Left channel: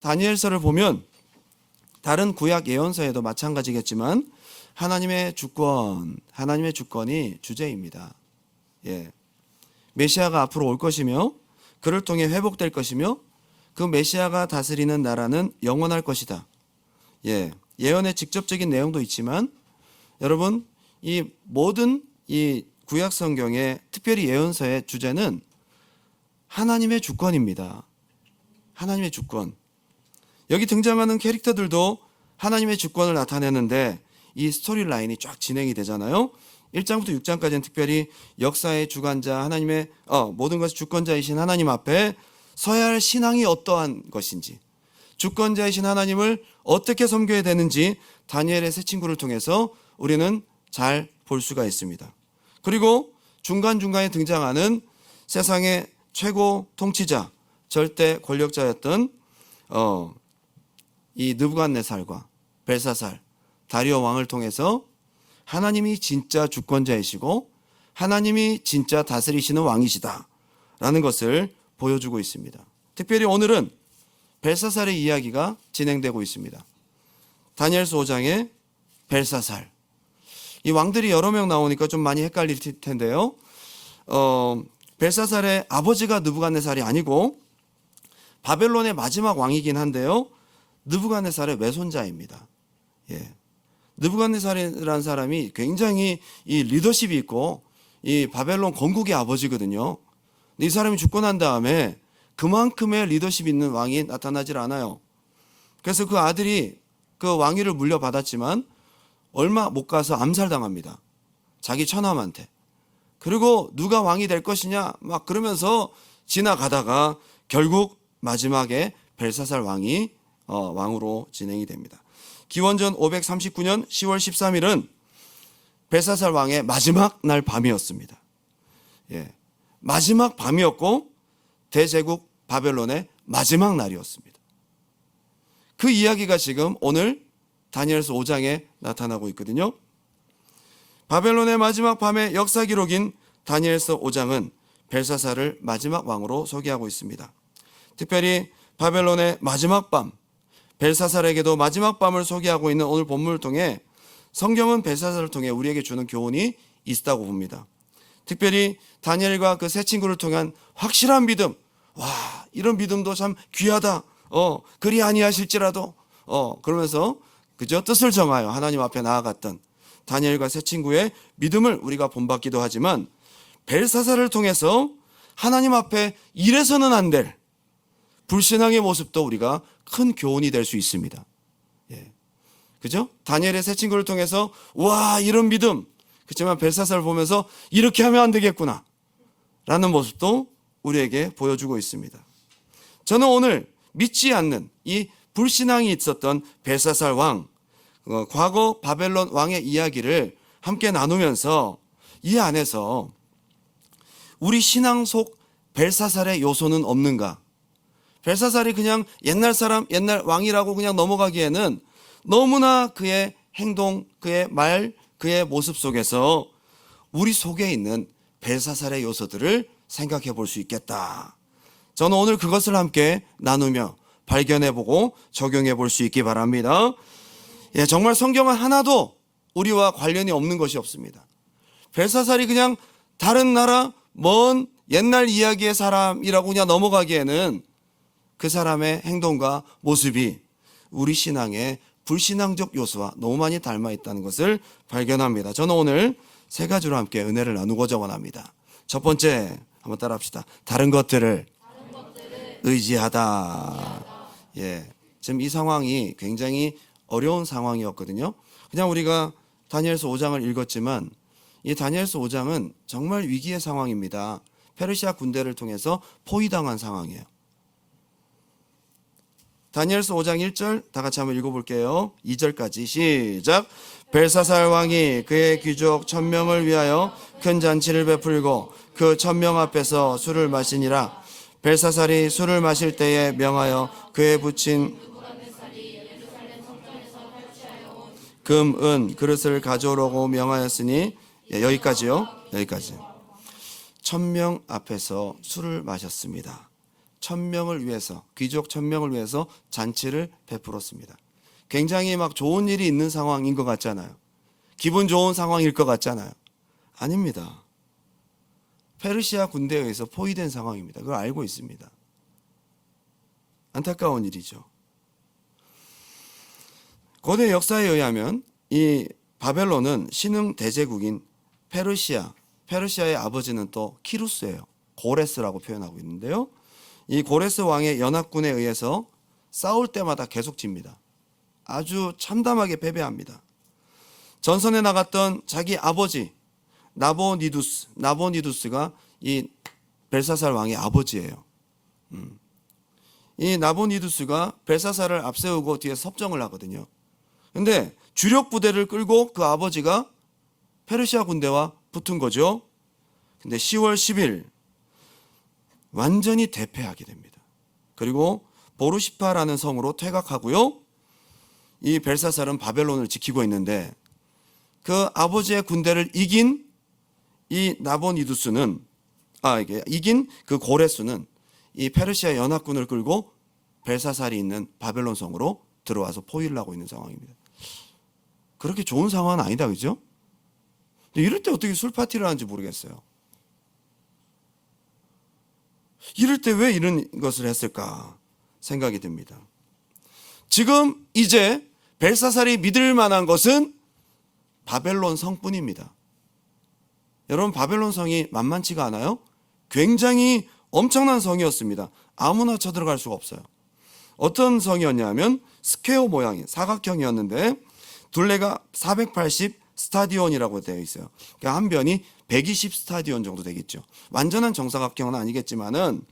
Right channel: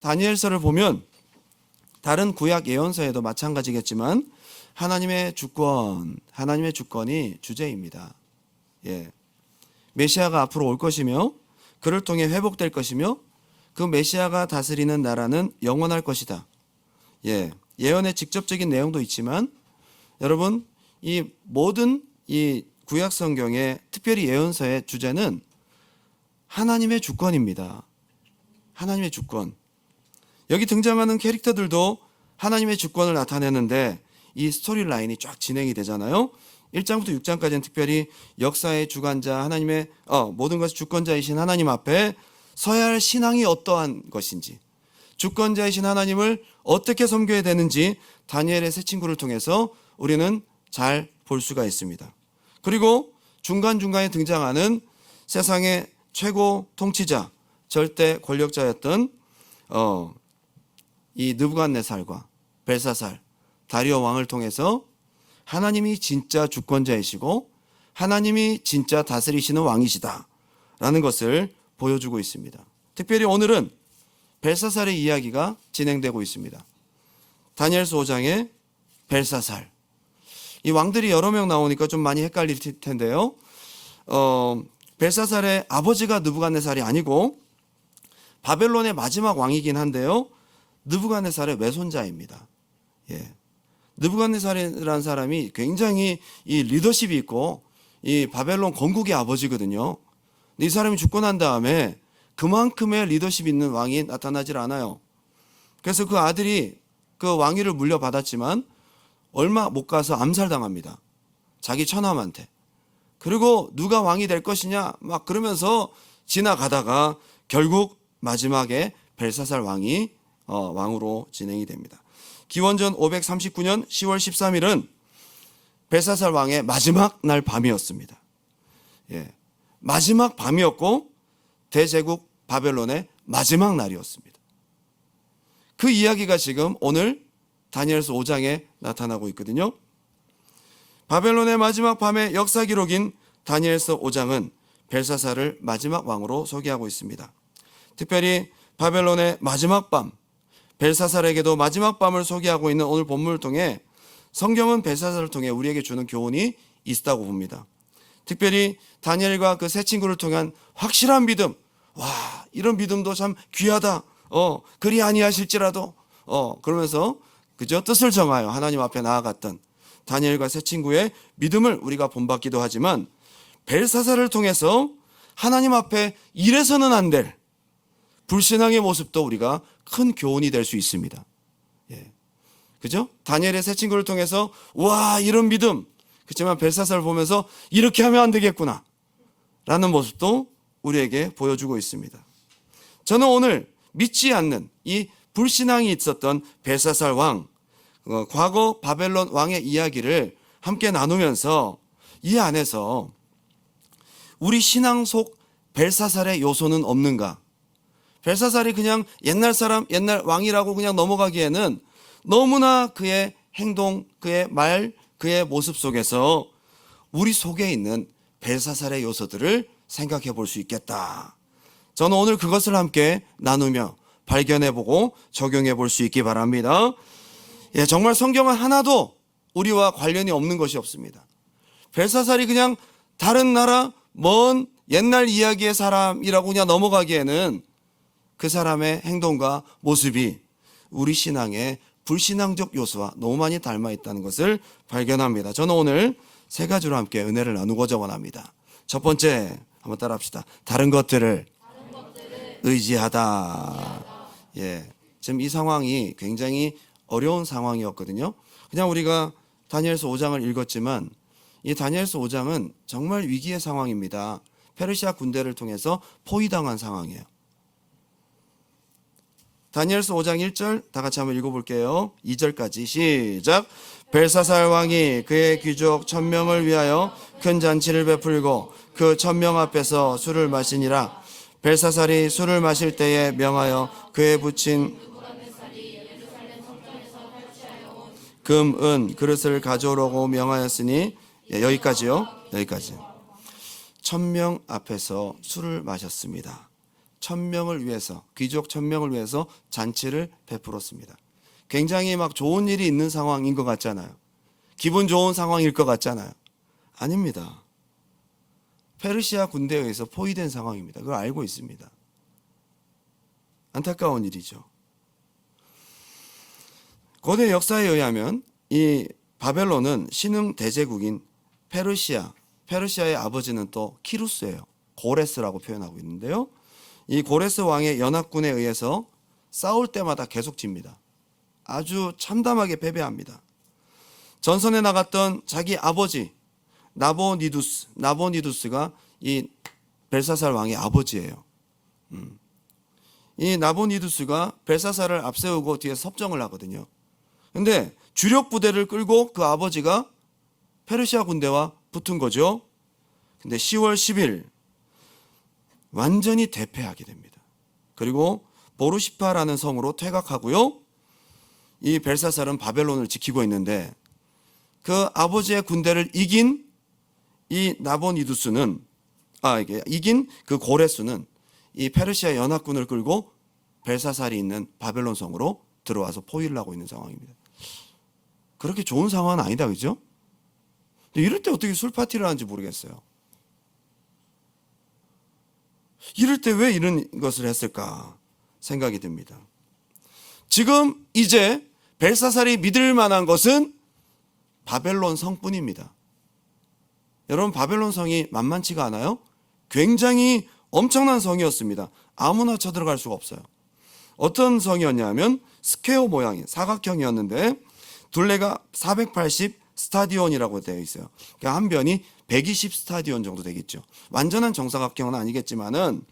다니엘서를 보면 다른 구약 예언서에도 마찬가지겠지만 하나님의 주권이 주제입니다. 예. 메시아가 앞으로 올 것이며 그를 통해 회복될 것이며 그 메시아가 다스리는 나라는 영원할 것이다. 예. 예언의 직접적인 내용도 있지만 여러분, 이 모든 이 구약 성경의 특별히 예언서의 주제는 하나님의 주권입니다. 하나님의 주권. 여기 등장하는 캐릭터들도 하나님의 주권을 나타내는데 이 스토리 라인이 쫙 진행이 되잖아요. 1장부터 6장까지는 특별히 역사의 주관자 하나님의 모든 것의 주권자이신 하나님 앞에 서야 할 신앙이 어떠한 것인지, 주권자이신 하나님을 어떻게 섬겨야 되는지 다니엘의 세 친구를 통해서 우리는 잘 볼 수가 있습니다. 그리고 중간중간에 등장하는 세상의 최고 통치자, 절대 권력자였던 이 느부갓네살과 벨사살, 다리오 왕을 통해서 하나님이 진짜 주권자이시고 하나님이 진짜 다스리시는 왕이시다 라는 것을 보여주고 있습니다. 특별히 오늘은 벨사살의 이야기가 진행되고 있습니다. 다니엘서 5장에 벨사살, 이 왕들이 여러 명 나오니까 좀 많이 헷갈릴 텐데요. 벨사살의 아버지가 느부갓네살이 아니고 바벨론의 마지막 왕이긴 한데요, 느부갓네살의 외손자입니다. 예. 느부갓네살이라는 사람이 굉장히 이 리더십이 있고 이 바벨론 건국의 아버지거든요. 이 사람이 죽고 난 다음에 그만큼의 리더십 있는 왕이 나타나질 않아요. 그래서 그 아들이 그 왕위를 물려받았지만 얼마 못 가서 암살당합니다. 자기 처남한테. 그리고 누가 왕이 될 것이냐 막 그러면서 지나가다가 결국 마지막에 벨사살 왕이 왕으로 진행이 됩니다. 기원전 539년 10월 13일은 벨사살 왕의 마지막 날 밤이었습니다. 예, 마지막 밤이었고 대제국 바벨론의 마지막 날이었습니다. 그 이야기가 지금 오늘 다니엘서 5장에 나타나고 있거든요. 바벨론의 마지막 밤의 역사 기록인 다니엘서 5장은 벨사살을 마지막 왕으로 소개하고 있습니다. 특별히 바벨론의 마지막 밤, 벨사살에게도 마지막 밤을 소개하고 있는 오늘 본문을 통해 성경은 벨사살을 통해 우리에게 주는 교훈이 있다고 봅니다. 특별히 다니엘과 그 세 친구를 통한 확실한 믿음, 이런 믿음도 참 귀하다. 그리 아니하실지라도 그러면서 그저 뜻을 정하여 하나님 앞에 나아갔던 다니엘과 세 친구의 믿음을 우리가 본받기도 하지만 벨사살을 통해서 하나님 앞에 이래서는 안 될 불신앙의 모습도 우리가 큰 교훈이 될 수 있습니다. 예. 그죠? 다니엘의 세 친구를 통해서 이런 믿음. 그렇지만 벨사살을 보면서 이렇게 하면 안 되겠구나 라는 모습도 우리에게 보여주고 있습니다. 저는 오늘 믿지 않는 이 불신앙이 있었던 벨사살 왕, 과거 바벨론 왕의 이야기를 함께 나누면서 이 안에서 우리 신앙 속 벨사살의 요소는 없는가? 벨사살이 그냥 옛날 사람, 옛날 왕이라고 그냥 넘어가기에는 너무나 그의 행동, 그의 말, 그의 모습 속에서 우리 속에 있는 벨사살의 요소들을 생각해 볼 수 있겠다. 저는 오늘 그것을 함께 나누며 발견해보고 적용해 볼 수 있기 바랍니다. 예, 정말 성경은 하나도 우리와 관련이 없는 것이 없습니다. 벨사살이 그냥 다른 나라, 먼 옛날 이야기의 사람이라고 그냥 넘어가기에는 그 사람의 행동과 모습이 우리 신앙의 불신앙적 요소와 너무 많이 닮아 있다는 것을 발견합니다. 저는 오늘 세 가지로 함께 은혜를 나누고자 원합니다. 첫 번째, 한번 따라 합시다. 다른 것들을 의지하다. 예, 지금 이 상황이 굉장히 어려운 상황이었거든요. 그냥 우리가 다니엘서 5장을 읽었지만 이 다니엘서 5장은 정말 위기의 상황입니다. 페르시아 군대를 통해서 포위당한 상황이에요. 다니엘서 5장 1절 다 같이 한번 읽어볼게요. 2절까지 시작. 벨사살 왕이 그의 귀족 1000명을 위하여 큰 잔치를 베풀고 그 1000명 앞에서 술을 마시니라. 벨사살이 술을 마실 때에 명하여 그에 붙인 금, 은, 그릇을 가져오라고 명하였으니 여기까지요. 여기까지. 1000명 앞에서 술을 마셨습니다. 천명을 위해서, 귀족 1000명을 위해서 잔치를 베풀었습니다. 굉장히 막 좋은 일이 있는 상황인 것 같잖아요. 기분 좋은 상황일 것 같잖아요. 아닙니다. 페르시아 군대에 의해서 포위된 상황입니다. 그걸 알고 있습니다. 안타까운 일이죠. 고대 역사에 의하면 이 바벨론은 신흥 대제국인 페르시아의 아버지는 또 키루스예요. 고레스라고 표현하고 있는데요. 이 고레스 왕의 연합군에 의해서 싸울 때마다 계속 집니다. 아주 참담하게 패배합니다. 전선에 나갔던 자기 아버지 나보니두스가 이 벨사살 왕의 아버지예요. 이 나보니두스가 벨사살을 앞세우고 뒤에 섭정을 하거든요. 근데 주력 부대를 끌고 그 아버지가 페르시아 군대와 붙은 거죠. 근데 10월 10일 완전히 대패하게 됩니다. 그리고 보르시파라는 성으로 퇴각하고요. 이 벨사살은 바벨론을 지키고 있는데 그 아버지의 군대를 이긴 이 이긴 그 고레스는 이 페르시아 연합군을 끌고 벨사살이 있는 바벨론 성으로 들어와서 포위를 하고 있는 상황입니다. 그렇게 좋은 상황은 아니다, 그죠? 이럴 때 어떻게 술 파티를 하는지 모르겠어요. 이럴 때 왜 이런 것을 했을까 생각이 듭니다. 지금 이제 벨사살이 믿을 만한 것은 바벨론 성뿐입니다. 여러분, 바벨론 성이 만만치가 않아요? 굉장히 엄청난 성이었습니다. 아무나 쳐들어갈 수가 없어요. 어떤 성이었냐면 스퀘어 모양의 사각형이었는데 둘레가 480 스타디온이라고 되어 있어요. 그러니까 한 변이 120 스타디온 정도 되겠죠. 완전한 정사각형은 아니겠지만은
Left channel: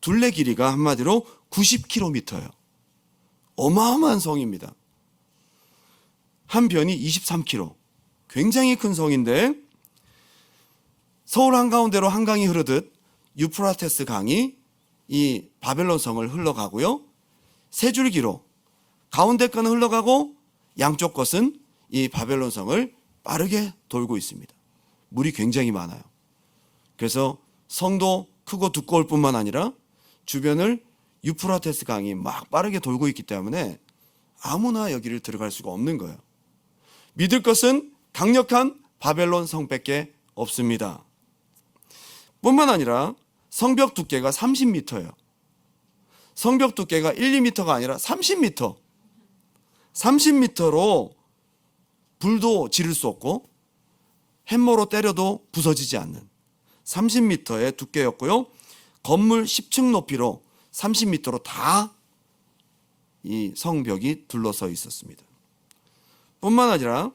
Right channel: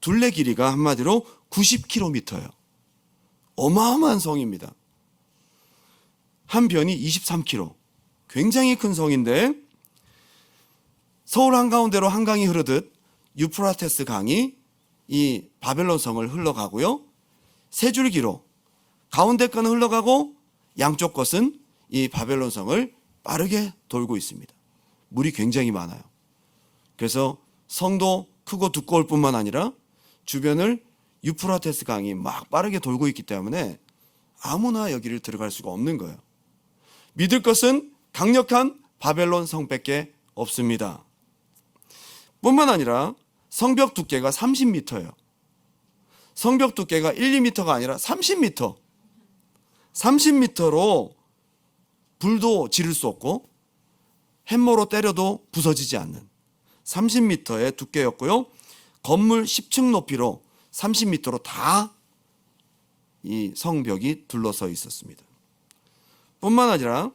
둘레 길이가 한마디로 90km예요. 어마어마한 성입니다. 한 변이 23km. 굉장히 큰 성인데 서울 한가운데로 한강이 흐르듯 유프라테스 강이 이 바벨론 성을 흘러가고요. 세 줄기로 가운데 거는 흘러가고 양쪽 것은 이 바벨론 성을 빠르게 돌고 있습니다. 물이 굉장히 많아요. 그래서 성도 크고 두꺼울 뿐만 아니라 주변을 유프라테스 강이 막 빠르게 돌고 있기 때문에 아무나 여기를 들어갈 수가 없는 거예요. 믿을 것은 강력한 바벨론 성밖에 없습니다. 뿐만 아니라 성벽 두께가 30m예요. 성벽 두께가 1, 2m가 아니라 30m. 30m로 불도 지를 수 없고 햄머로 때려도 부서지지 않는 30m의 두께였고요. 건물 10층 높이로 30m로 다 이 성벽이 둘러서 있었습니다. 뿐만 아니라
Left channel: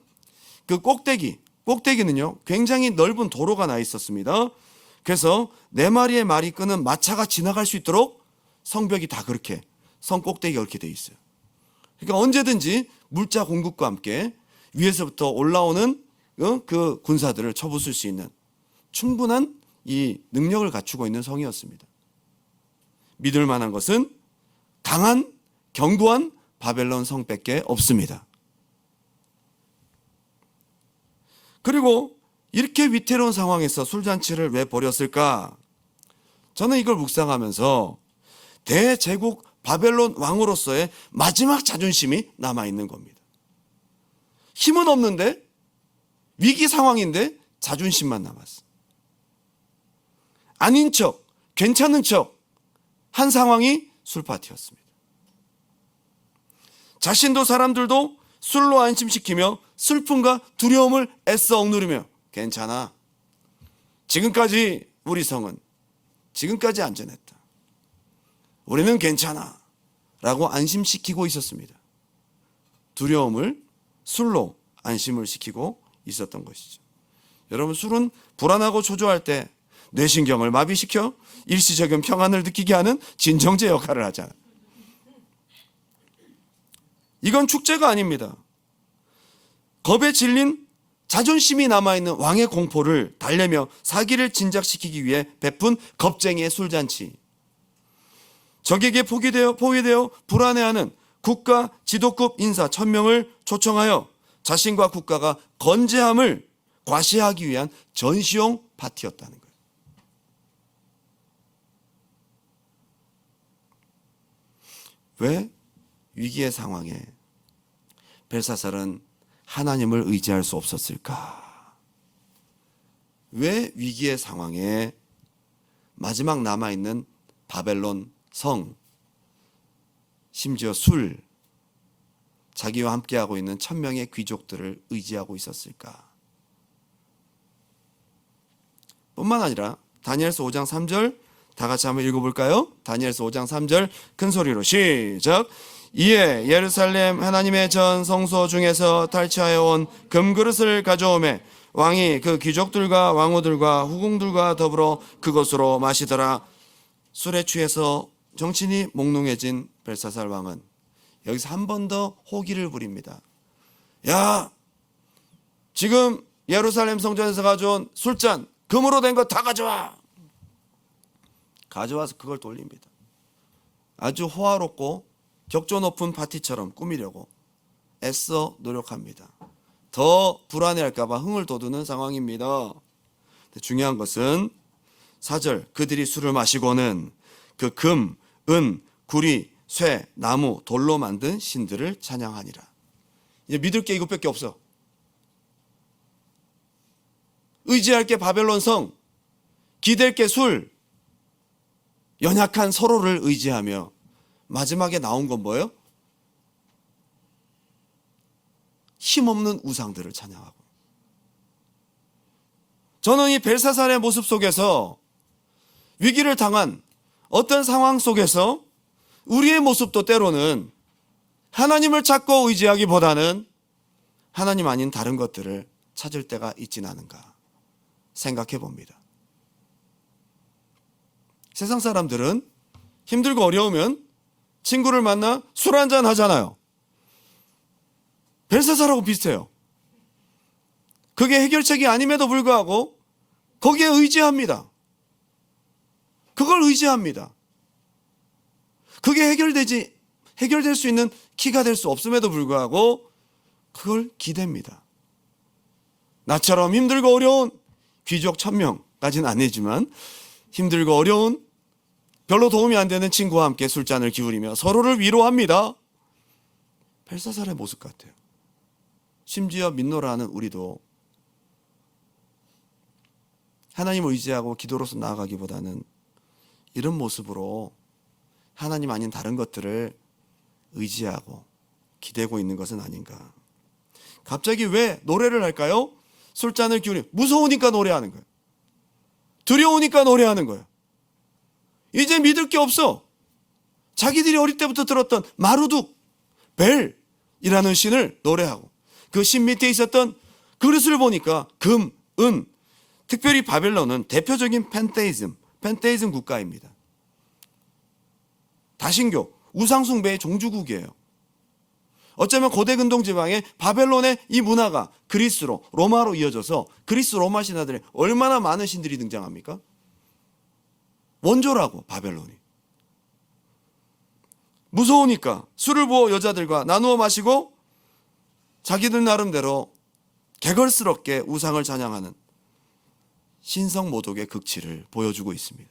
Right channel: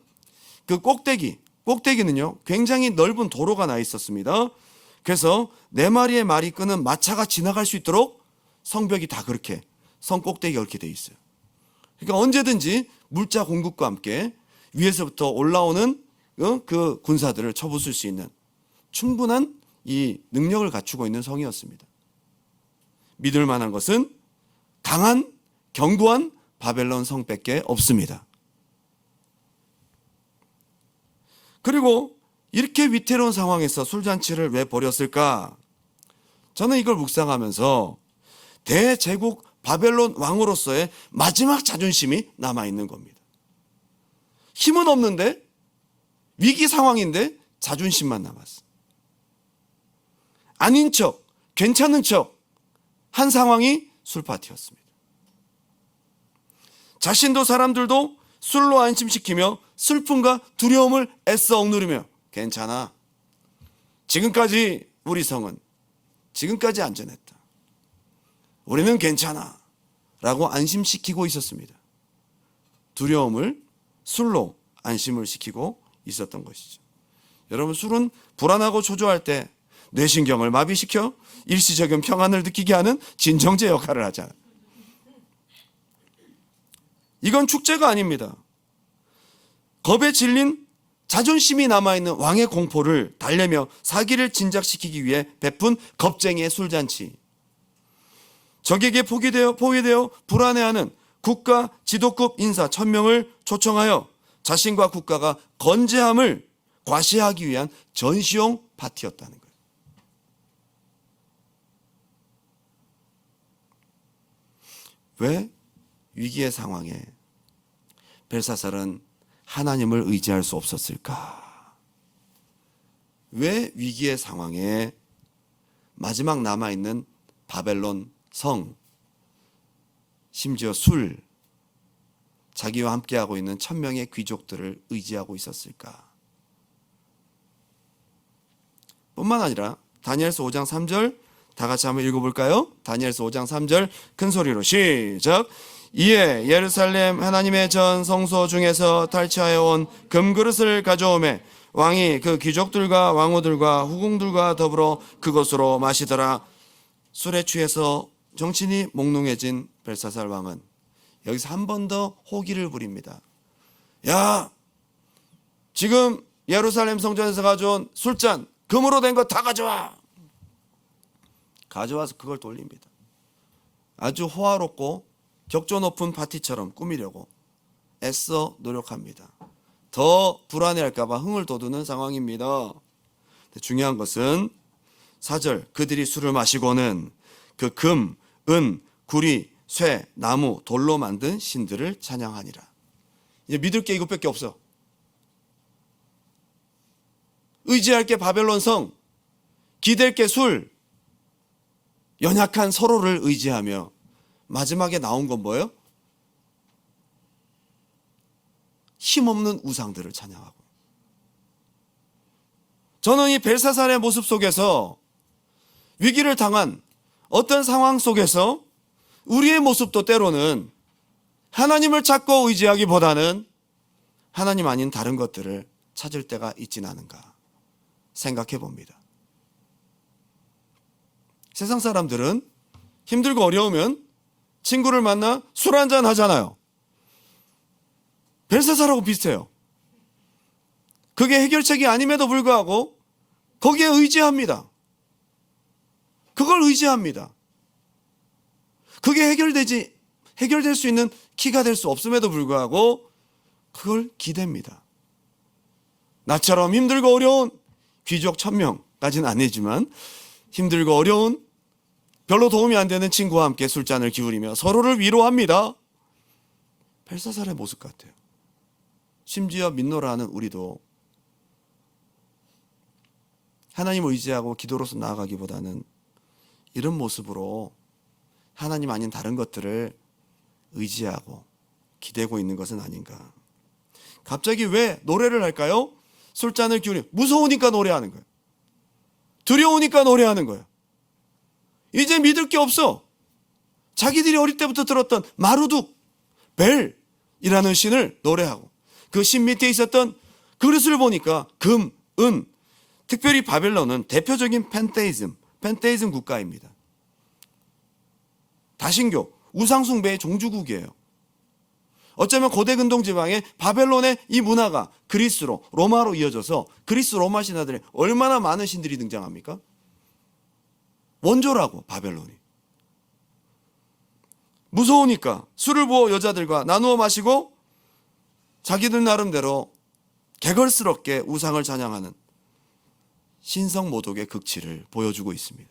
그 꼭대기는요 굉장히 넓은 도로가 나 있었습니다. 그래서 4마리의 말이 끄는 마차가 지나갈 수 있도록 성벽이 다 그렇게 성 꼭대기가 그렇게 돼 있어요. 그러니까 언제든지 물자 공급과 함께 위에서부터 올라오는 그 군사들을 쳐부술 수 있는 충분한 이 능력을 갖추고 있는 성이었습니다. 믿을 만한 것은 강한 견고한 바벨론 성밖에 없습니다. 그리고 이렇게 위태로운 상황에서 술잔치를 왜 벌였을까? 저는 이걸 묵상하면서 대제국 바벨론 왕으로서의 마지막 자존심이 남아있는 겁니다. 힘은 없는데 위기 상황인데 자존심만 남았어. 아닌 척, 괜찮은 척 한 상황이 술파티였습니다. 자신도 사람들도 술로 안심시키며 슬픔과 두려움을 애써 억누르며 괜찮아. 지금까지 우리 성은 지금까지 안전했다. 우리는 괜찮아. 라고 안심시키고 있었습니다. 두려움을 술로 안심을 시키고 있었던 것이죠. 여러분, 술은 불안하고 초조할 때 뇌신경을 마비시켜 일시적인 평안을 느끼게 하는 진정제 역할을 하잖아요. 이건 축제가 아닙니다. 겁에 질린 자존심이 남아있는 왕의 공포를 달래며 사기를 진작시키기 위해 베푼 겁쟁이의 술잔치. 적에게 포위되어 불안해하는 국가 지도급 인사 1000명을 초청하여 자신과 국가가 건재함을 과시하기 위한 전시용 파티였다는 거예요. 왜 위기의 상황에 벨사살은 하나님을 의지할 수 없었을까? 왜 위기의 상황에 마지막 남아있는 바벨론 성, 심지어 술, 자기와 함께하고 있는 1000명의 귀족들을 의지하고 있었을까? 뿐만 아니라 다니엘서 5장 3절 다 같이 한번 읽어볼까요? 다니엘서 5장 3절 큰 소리로 시작. 이에 예루살렘 하나님의 전 성소 중에서 탈취하여 온 금그릇을 가져오매 왕이 그 귀족들과 왕후들과 후궁들과 더불어 그것으로 마시더라. 술에 취해서 정신이 몽롱해진 벨사살 왕은 여기서 한 번 더 호기를 부립니다. 야, 지금 예루살렘 성전에서 가져온 술잔 금으로 된 거 다 가져와. 가져와서 그걸 돌립니다. 아주 호화롭고 격조 높은 파티처럼 꾸미려고 애써 노력합니다. 더 불안해할까봐 흥을 돋우는 상황입니다. 중요한 것은 4절 그들이 술을 마시고는 그 금, 은, 구리, 쇠, 나무, 돌로 만든 신들을 찬양하니라. 이제 믿을 게 이것밖에 없어. 의지할 게 바벨론 성, 기댈 게 술, 연약한 서로를 의지하며 마지막에 나온 건 뭐예요? 힘없는 우상들을 찬양하고. 저는 이 벨사살의 모습 속에서 위기를 당한 어떤 상황 속에서 우리의 모습도 때로는 하나님을 찾고 의지하기보다는 하나님 아닌 다른 것들을 찾을 때가 있진 않은가 생각해 봅니다. 세상 사람들은 힘들고 어려우면 친구를 만나 술 한잔 하잖아요. 벨사살하고 비슷해요. 그게 해결책이 아님에도 불구하고 거기에 의지합니다. 그걸 의지합니다. 그게 해결될 수 있는 키가 될 수 없음에도 불구하고 그걸 기댑니다. 나처럼 힘들고 어려운 귀족 1000명까지는 아니지만 힘들고 어려운 별로 도움이 안 되는 친구와 함께 술잔을 기울이며 서로를 위로합니다. 벨사살의 모습 같아요. 심지어 민노라하는 우리도 하나님을 의지하고 기도로서 나아가기보다는 이런 모습으로 하나님 아닌 다른 것들을 의지하고 기대고 있는 것은 아닌가. 갑자기 왜 노래를 할까요? 술잔을 기울이 무서우니까 노래하는 거예요. 두려우니까 노래하는 거예요. 이제 믿을 게 없어. 자기들이 어릴 때부터 들었던 마루둑, 벨이라는 신을 노래하고 그 신 밑에 있었던 그릇을 보니까 금, 은, 특별히 바벨론은 대표적인 펜테이즘 국가입니다. 다신교, 우상숭배의 종주국이에요. 어쩌면 고대 근동 지방의 바벨론의 이 문화가 그리스로, 로마로 이어져서 그리스 로마 신화들에 얼마나 많은 신들이 등장합니까? 원조라고 바벨론이. 무서우니까 술을 부어 여자들과 나누어 마시고 자기들 나름대로 개걸스럽게 우상을 찬양하는 신성모독의 극치를 보여주고 있습니다.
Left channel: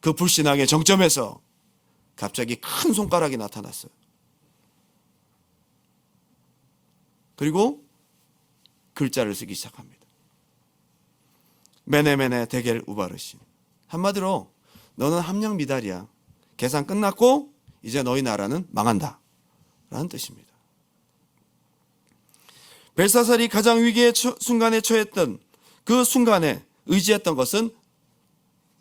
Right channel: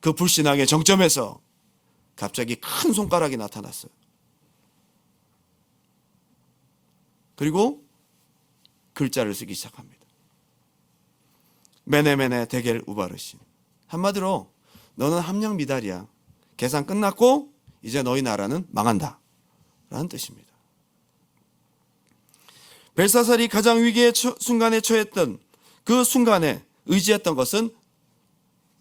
그 불신앙의 정점에서 갑자기 큰 손가락이 나타났어요. 그리고 글자를 쓰기 시작합니다. 메네메네 데겔 우바르신. 한마디로 너는 함량 미달이야. 계산 끝났고 이제 너희 나라는 망한다 라는 뜻입니다. 벨사살이 가장 위기의 순간에 처했던 그 순간에 의지했던 것은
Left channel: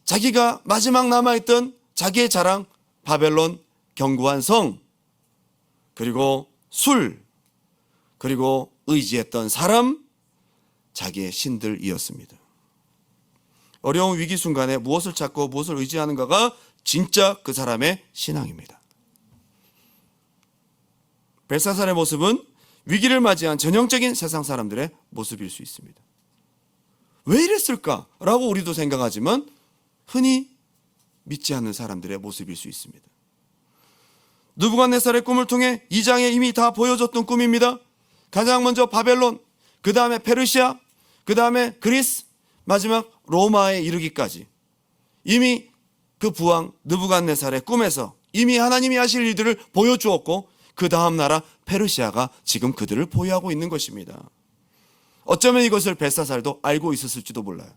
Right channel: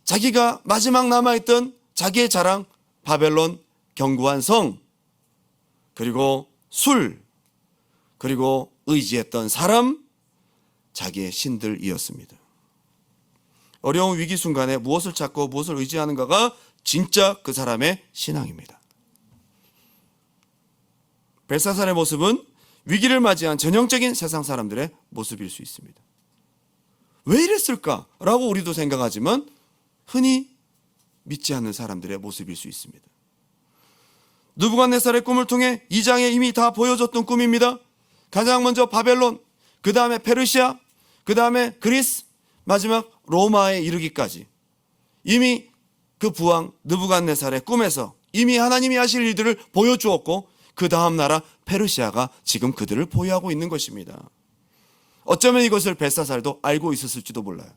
자기가 마지막 남아있던 자기의 자랑 바벨론 견고한 성, 그리고 술, 그리고 의지했던 사람, 자기의 신들이었습니다. 어려운 위기 순간에 무엇을 찾고 무엇을 의지하는가가 진짜 그 사람의 신앙입니다. 벨사살의 모습은 위기를 맞이한 전형적인 세상 사람들의 모습일 수 있습니다. 왜 이랬을까라고 우리도 생각하지만 흔히 믿지 않는 사람들의 모습일 수 있습니다. 느부갓네살의 꿈을 통해 2장에 이미 다 보여줬던 꿈입니다. 가장 먼저 바벨론, 그 다음에 페르시아, 그 다음에 그리스, 마지막 로마에 이르기까지 이미 그 부왕 느부갓네살의 꿈에서 이미 하나님이 하실 일들을 보여주었고 그 다음 나라 페르시아가 지금 그들을 보유하고 있는 것입니다. 어쩌면 이것을 벨사살도 알고 있었을지도 몰라요.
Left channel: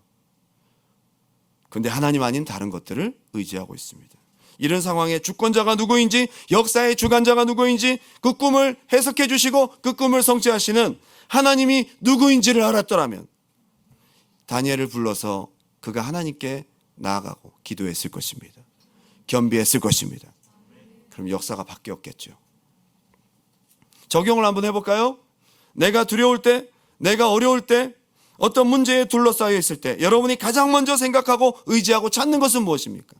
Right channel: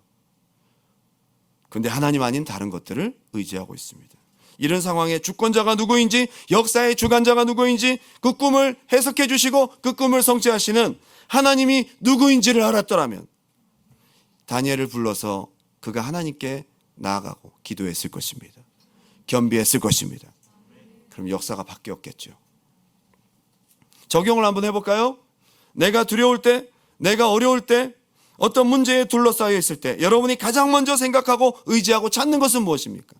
근데 하나님 아닌 다른 것들을 의지하고 있습니다. 이런 상황에 주권자가 누구인지, 역사의 주관자가 누구인지 그 꿈을 해석해 주시고 그 꿈을 성취하시는 하나님이 누구인지를 알았더라면 다니엘을 불러서 그가 하나님께 나아가고 기도했을 것입니다. 겸비했을 것입니다. 그럼 역사가 바뀌었겠죠. 적용을 한번 해볼까요? 내가 두려울 때, 내가 어려울 때, 어떤 문제에 둘러싸여 있을 때 여러분이 가장 먼저 생각하고 의지하고 찾는 것은 무엇입니까?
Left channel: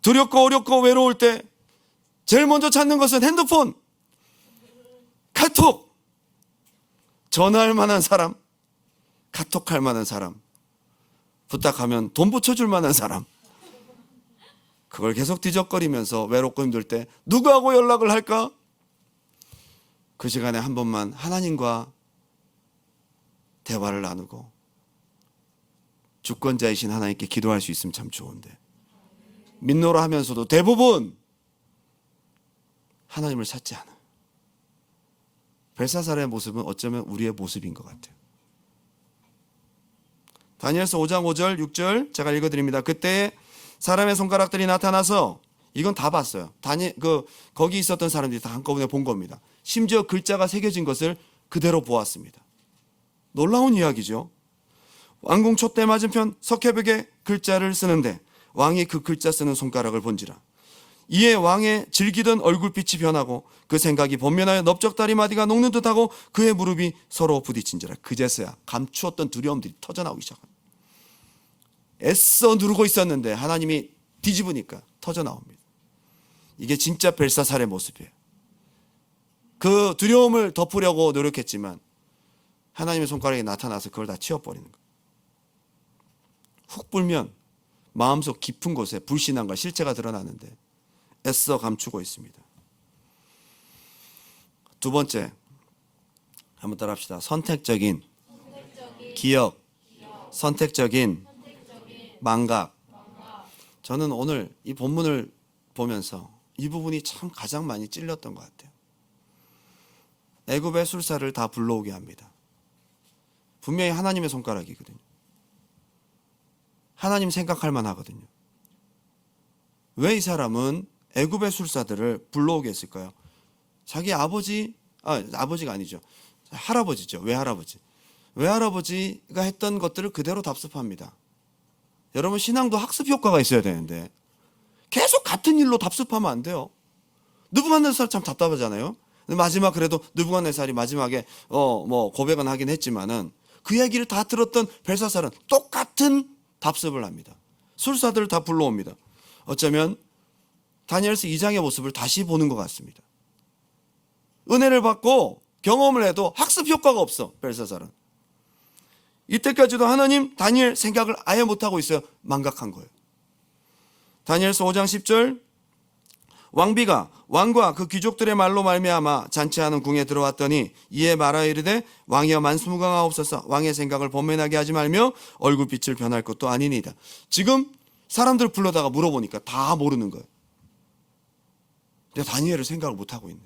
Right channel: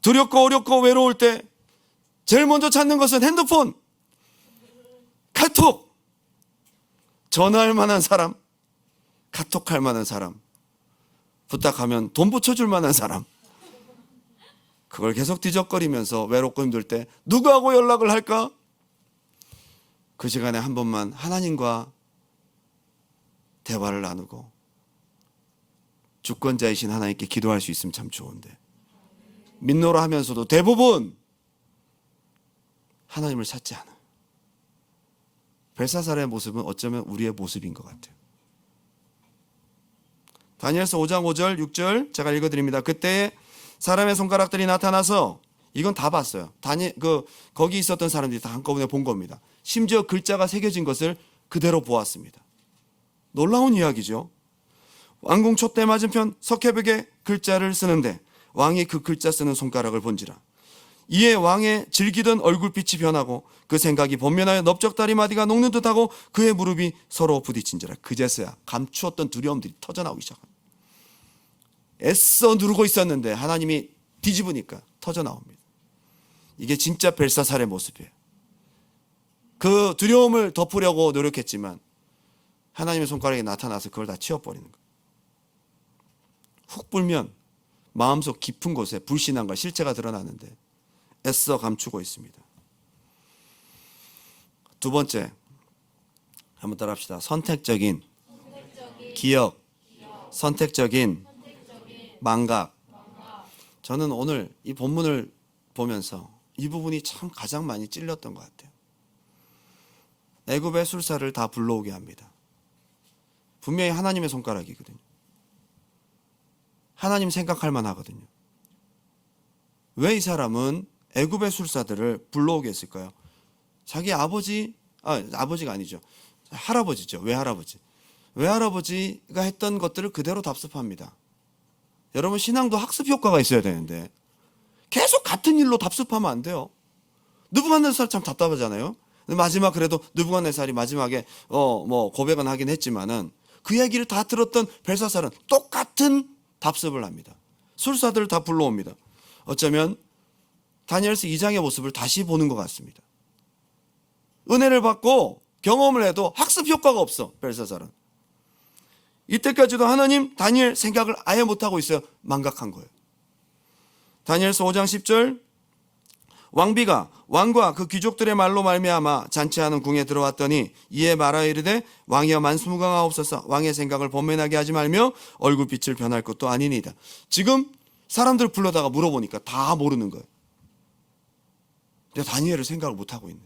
두렵고 어렵고 외로울 때 제일 먼저 찾는 것은 핸드폰, 카톡, 전화할 만한 사람, 카톡할 만한 사람, 부탁하면 돈 붙여줄 만한 사람. 그걸 계속 뒤적거리면서 외롭고 힘들 때 누구하고 연락을 할까? 그 시간에 한 번만 하나님과 대화를 나누고 주권자이신 하나님께 기도할 수 있으면 참 좋은데 민노라 하면서도 대부분 하나님을 찾지 않아. 벨사살의 모습은 어쩌면 우리의 모습인 것 같아요. 다니엘서 5장 5절 6절 제가 읽어드립니다. 그때 사람의 손가락들이 나타나서 이건 다 봤어요. 거기 있었던 사람들이 다 한꺼번에 본 겁니다. 심지어 글자가 새겨진 것을 그대로 보았습니다. 놀라운 이야기죠. 왕궁 촛대 맞은편 석회벽에 글자를 쓰는데 왕이 그 글자 쓰는 손가락을 본지라. 이에 왕의 질기던 얼굴빛이 변하고 그 생각이 번면하여 넓적다리 마디가 녹는 듯하고 그의 무릎이 서로 부딪힌지라. 그제서야 감추었던 두려움들이 터져나오기 시작합니다. 애써 누르고 있었는데 하나님이 뒤집으니까 터져나옵니다. 이게 진짜 벨사살의 모습이에요. 그 두려움을 덮으려고 노력했지만 하나님의 손가락이 나타나서 그걸 다 치워버리는 거예요. 훅 불면 마음속 깊은 곳에 불신앙과 실체가 드러나는데 애써 감추고 있습니다. 두 번째, 한번 따라합시다. 선택적인 기억, 선택적인 망각. 저는 오늘 이 본문을 보면서 이 부분이 참 가장 많이 찔렸던 것 같아요. 애굽의 술사를 다 불러오게 합니다. 분명히 하나님의 손가락이거든요. 하나님 생각할 만하거든요. 왜 이 사람은 애굽의 술사들을 불러오게 했을까요? 자기 아버지가 아니죠. 할아버지죠. 외할아버지가 했던 것들을 그대로 답습합니다. 여러분, 신앙도 학습 효과가 있어야 되는데 계속 같은 일로 답습하면 안 돼요. 느부갓네살 참 답답하잖아요. 근데 마지막 그래도 느부갓네살이 마지막에 고백은 하긴 했지만은 그 얘기를 다 들었던 벨사살은 똑같은 답습을 합니다. 술사들을 다 불러옵니다. 어쩌면 다니엘서 2장의 모습을 다시 보는 것 같습니다. 은혜를 받고 경험을 해도 학습 효과가 없어. 벨사살은 이때까지도 하나님 다니엘 생각을 아예 못하고 있어요. 망각한 거예요. 다니엘서 5장 10절 왕비가 왕과 그 귀족들의 말로 말미암아 잔치하는 궁에 들어왔더니 이에 말하여 이르되 왕이여 만수무강하옵소서. 왕의 생각을 번면하게 하지 말며 얼굴빛을 변할 것도 아니니이다. 지금 사람들 불러다가 물어보니까 다 모르는 거예요. 근데 다니엘을 생각을 못하고 있네.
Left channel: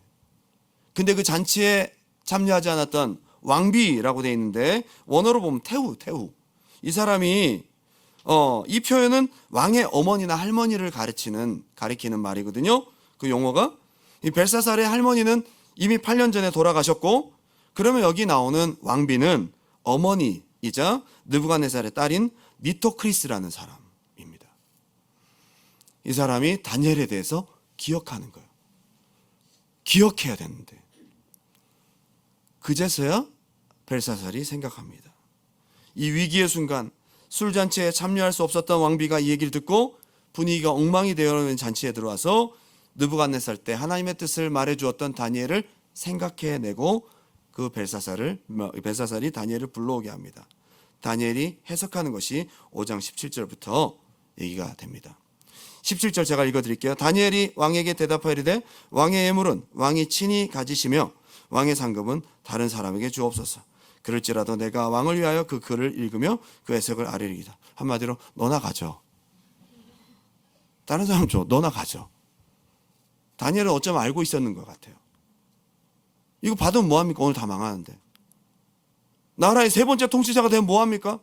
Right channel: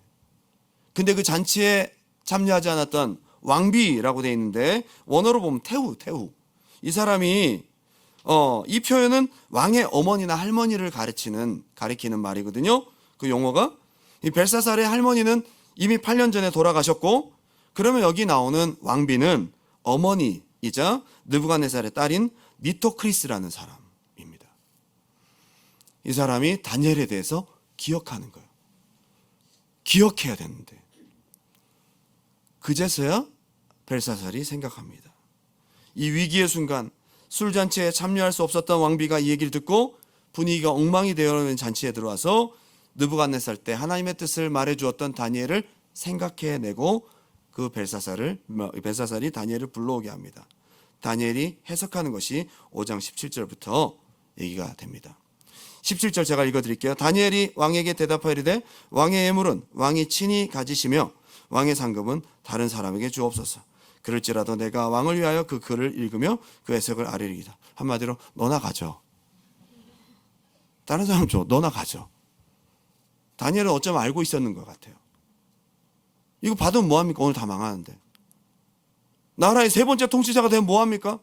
근데 그 잔치에 참여하지 않았던 왕비라고 되어 있는데 원어로 보면 태후. 이 사람이 이 표현은 왕의 어머니나 할머니를 가리키는 말이거든요. 그 용어가 이 벨사살의 할머니는 이미 8년 전에 돌아가셨고, 그러면 여기 나오는 왕비는 어머니이자 느부갓네살의 딸인 니토크리스라는 사람입니다. 이 사람이 다니엘에 대해서 기억하는 거예요. 기억해야 되는데 그제서야 벨사살이 생각합니다. 이 위기의 순간 술잔치에 참여할 수 없었던 왕비가 이 얘기를 듣고 분위기가 엉망이 되어 있는 잔치에 들어와서 느부갓네살 때 하나님의 뜻을 말해주었던 다니엘을 생각해내고 그 벨사살이 다니엘을 불러오게 합니다. 다니엘이 해석하는 것이 5장 17절부터 얘기가 됩니다. 17절 제가 읽어드릴게요. 다니엘이 왕에게 대답하여 이르되 왕의 예물은 왕이 친히 가지시며 왕의 상급은 다른 사람에게 주옵소서. 그럴지라도 내가 왕을 위하여 그 글을 읽으며 그 해석을 아뢰리이다. 한마디로 너나 가져. 다른 사람 줘. 너나 가져. 다니엘은 어쩌면 알고 있었는 것 같아요. 이거 받으면 뭐합니까? 오늘 다 망하는데. 나라의 세 번째 통치자가 되면 뭐합니까?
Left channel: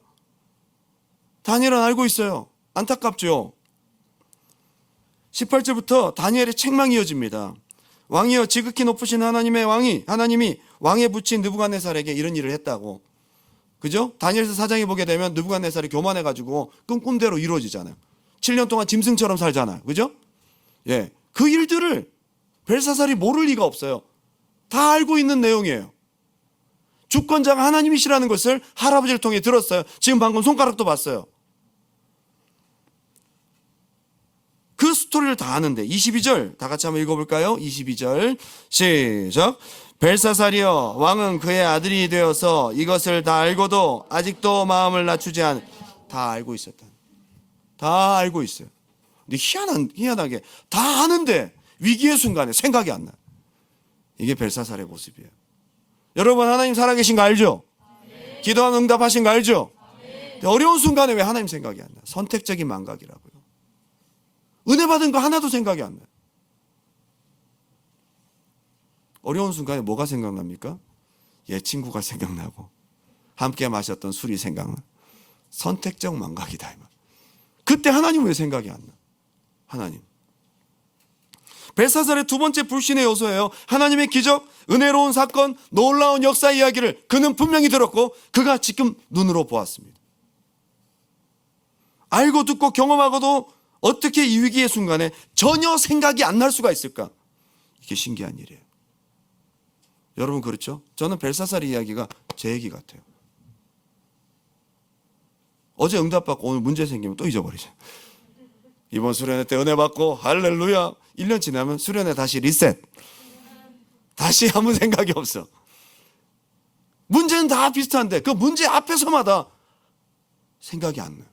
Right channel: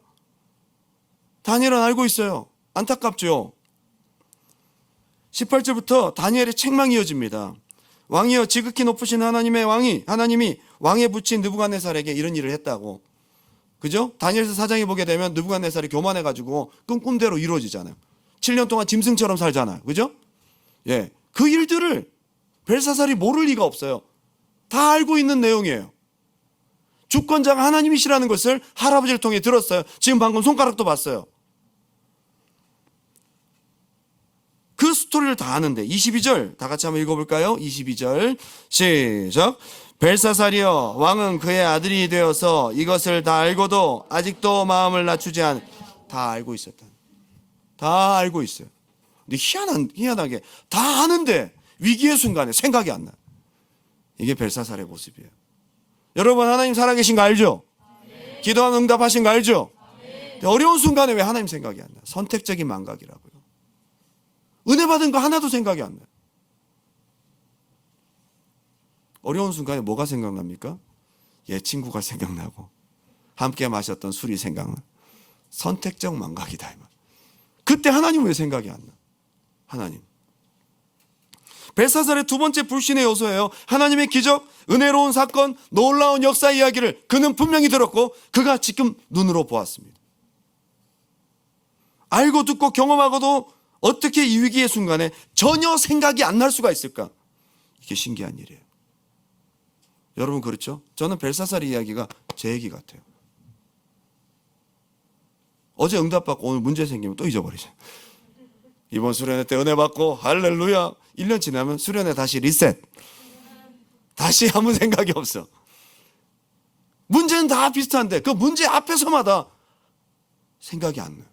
다니엘은 알고 있어요. 안타깝죠. 18절부터 다니엘의 책망이 이어집니다. 왕이여 지극히 높으신 하나님의 하나님이 왕에 붙인 느부갓네살에게 이런 일을 했다고. 그죠? 다니엘서 4장에 보게 되면 느부갓네살이 교만해가지고 꿈대로 이루어지잖아요. 7년 동안 짐승처럼 살잖아요. 그죠? 예. 그 일들을 벨사살이 모를 리가 없어요. 다 알고 있는 내용이에요. 주권자가 하나님이시라는 것을 할아버지를 통해 들었어요. 지금 방금 손가락도 봤어요. 그 스토리를 다 아는데 22절 다 같이 한번 읽어볼까요? 22절 시작. 벨사살이여 왕은 그의 아들이 되어서 이것을 다 알고도 아직도 마음을 낮추지 다 알고 있었다. 다 알고 있어요. 근데 희한하게 다 아는데 위기의 순간에 생각이 안 나. 이게 벨사살의 모습이에요. 여러분 하나님 살아계신 거 알죠? 기도는 응답하신 거 알죠? 어려운 순간에 왜 하나님 생각이 안 나? 선택적인 망각이라고요. 은혜 받은 거 하나도 생각이 안 나요. 어려운 순간에 뭐가 생각납니까? 옛 친구가 생각나고 함께 마셨던 술이 생각나. 선택적 망각이다. 그때 하나님 왜 생각이 안 나? 하나님. 벨사살의 두 번째 불신의 요소예요. 하나님의 기적, 은혜로운 사건, 놀라운 역사 이야기를 그는 분명히 들었고 그가 지금 눈으로 보았습니다. 알고 듣고 경험하고도 어떻게 이 위기의 순간에 전혀 생각이 안 날 수가 있을까? 이게 신기한 일이에요. 여러분 그렇죠? 저는 벨사살의 이야기가 제 얘기 같아요. 어제 응답받고 오늘 문제 생기면 또 잊어버리죠. 이번 수련회 때 은혜 받고 할렐루야. 1년 지나면 수련회 다시 리셋. 다시 아무 생각이 없어. 문제는 다 비슷한데 그 문제 앞에서마다 생각이 안 나.